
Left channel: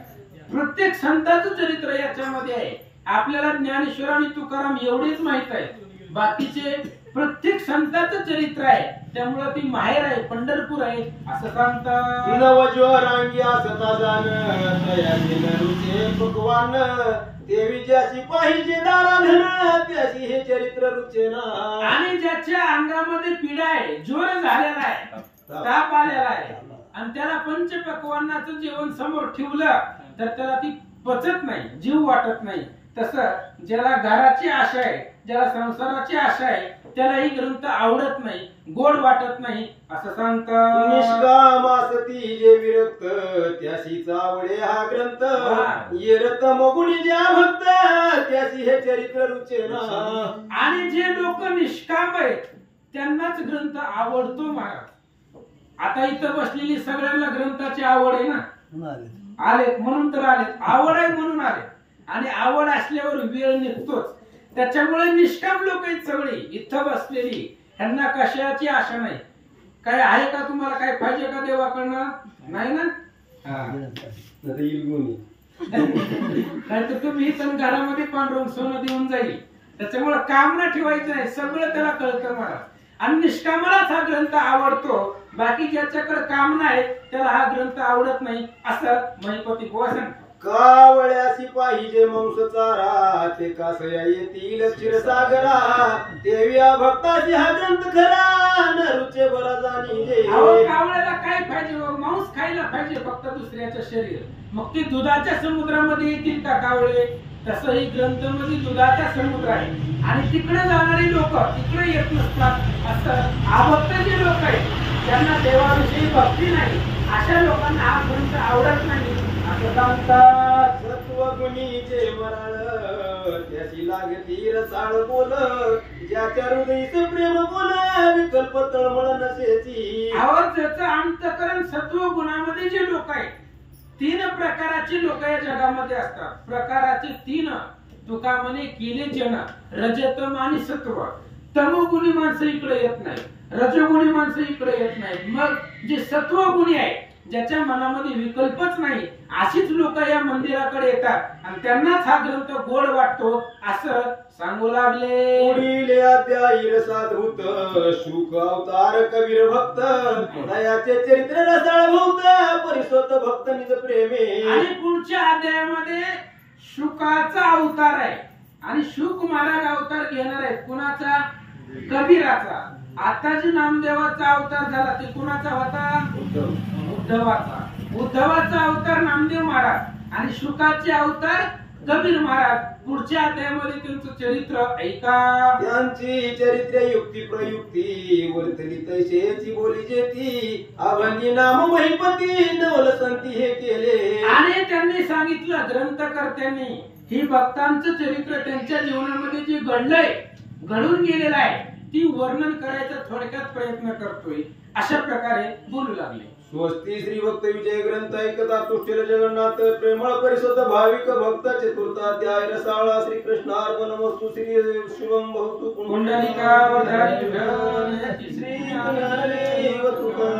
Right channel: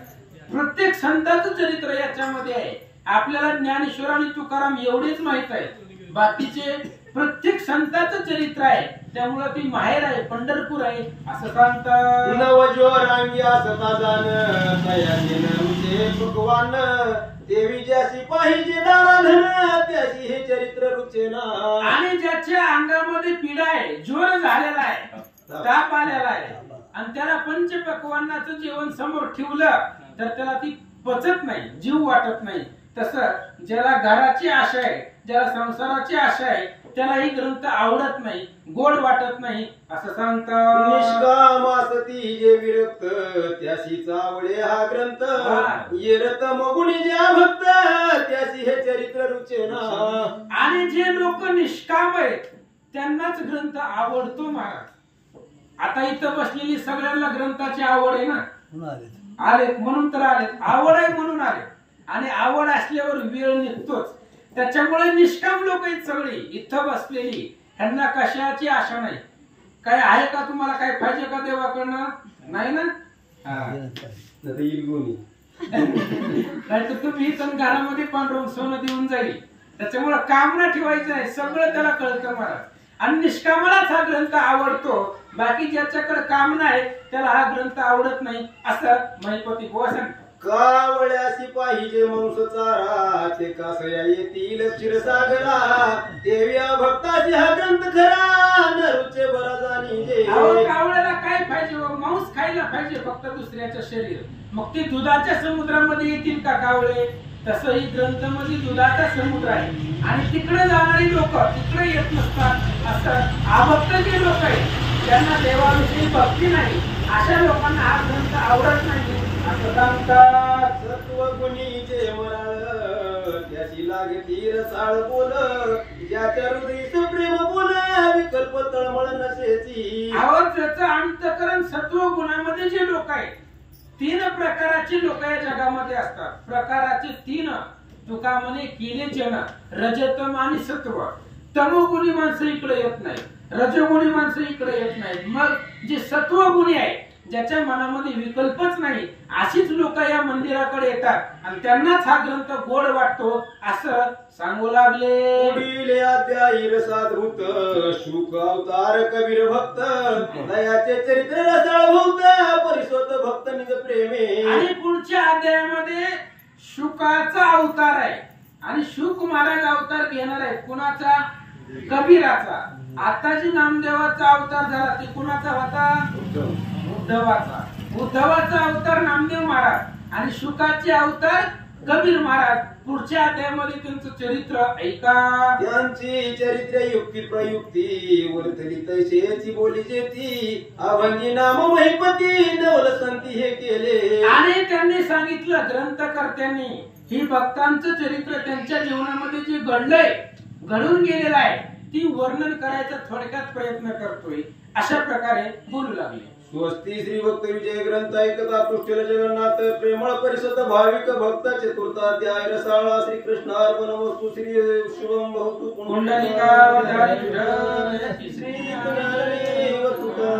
प्रत्येक संताचं चरित्र याच्यामध्ये आहे. आपल्याला ज्ञानेश्वर आणि तुकाराम एवढेच माहित आहे, बाकीचे प्रत्येक संताचं चरित्र आहे. त्यामुळे ती माहेर आहे, पंढरपूर आहे असं सांगतात. नवज्वरांग्या सता जाण तयारी रुचे भगवान, देवी ज्याशी पाहिजे नाराधन त्याशी हे चरित्र रुचेना. आणि ज्याच्या अंगामध्ये पीडा आहे, ज्वर झालेला आहे, ताप आलेला आहे आणि त्याला पंचपक्वान्नाचं जेवण समोर ठेवलं तर त्याला ती पचत नाही, जीव वाटत नाही. तसं ज्याला घराची आशा आहे, ज्याला संसाराची आशा आहे, त्याला ही ग्रंथ आवडत नाही, गोड वाटत नाही असं सांगतात. निष्कामासती जे विरक्त त्याशीच आवडे हा ग्रंथ, येरत मगुणी ज्या भक्त त्याशी हे चरित्र रुचेना. आणि जे लोक निष्काम आहेत त्यांनाच ग्रंथ आवडतो महाराज. आता इथं बसलेली सगळ्यांना ग्रंथाची आवड आहे ना, आलेत म्हणून तर आलेत, आवड आहे म्हणून आले. आणि आवड असल्यावर वेळ निघतोच. त्याच्यामुळे निष्काम लोक आहेत सगळी इथं बसलेली, ह्यांना कशाची आशा नाही. काय आहे का तुम्हाला, काय पाहिजे का देवाकडनं? नाही ना. नाहीतर तुम्ही इथं घरामध्ये पांढरून सोनं देऊन जाईल. त्याच्यामुळे कामना ठेवायचं नाही, सगळं त्याला कळतं महाराज. आणि निष्कामालाच हा ग्रंथ आवडतो, बाकी ज्याच्याकडे कामना आहे त्याला हा ग्रंथ आवडत नाही असं महिपती बुवा सांगतात. कावळ्याशी पाहिजे मांस चारा, ते कासया येतील क्षीरसागरा, देव्या भक्ताची हा ग्रंथ खरा नरुचे बरा जाणी जे. कावळ्याला काय पाहिजे? मांस खायला पाहिजे फक्त दुसऱ्याचं शरीर. मग ते दुधाच्या समुद्रामध्ये येतील का कावळे? तसं ही ग्रंथ म्हणजे दुधाचा समुद्र आहे आणि तिकडे जाणारी लोक तिकडे येत नसतात. असं अभक्त जे लोक आहेत ज्यांना देवाविषयी भक्ती नाही, अशा लोकांना हा ग्रंथ आवडत नाही असं सांगतात. सत्वगुणीचे मराळ त्याची लागती रसाळ बोल, ज्याच्या हृदयीचं प्रेम बोल विकल्प तळमळ नसेची. त्याचं अंतकरण सत्व गुणामध्ये जे लोक आहेत, 3 प्रकाराचे लोक या जगामध्ये असतात. प्रकाराचे 3 तुका म्हणे केले जन, रजतम आणि सत्व. तमोगुणी माणसं इकडे येत नाही, रजोगुणी माणसं इकडे येत नाही. मग जे सत्वगुणी आहे, ज्याच्या मनामध्ये विकल्पच नाही, अशीच लोक या मंदिराकडे येतात आणि त्यांनाच हा ग्रंथ गोड वाटतो असं सांगू लागले. पुढील अध्यायी रसाधूत शुक अवतार कबीर भक्त, दयाचे चरित्र रसाळ भूत परिसोत भक्त निज प्रेमे. आणि पुढच्या अध्यायामध्ये शुकाचा अवतार आहे आणि शुक महाराज अवतार घेणार आहे. कुणाचा? कबीराचा. आता जी नामदेवाचा अवतार झाला ते कुणाचा होता? उद्धवाचा. उद्धवाचा अवतार नामदेव महाराज आणि शुकाचे अवतार कबीर महाराज. पुढच्या अध्यायामध्ये त्यांचं चरित्र ऐका. त्यांची चरित्र युक्ती प्रयुक्ती बोलतली तैसेची बोली जेती, अभंगी नाम महिपती नवल संती हे केले. आणि त्यांनी सांगितलं ग्रंथकर्त्यांनी ही भक्तांचं चरित्र त्यांच्या जीवनामध्ये जे घडलंय, घडून गेलेलं आहे, ती वर्णन करायचा थोडक्यात प्रयत्न करतोय अशा प्रकारे बोलू लागले. स्वस्ती श्री भक्त विजय ग्रंथ ऐकता तुष्टील जगन्नाथ प्रेमळ परिसत भाविक भक्त चतुर्थाध्याय रसाळा श्री कृष्ण अर्पण वस्तू श्री शुभम भवतु पुंडलिका वधारी श्री तुका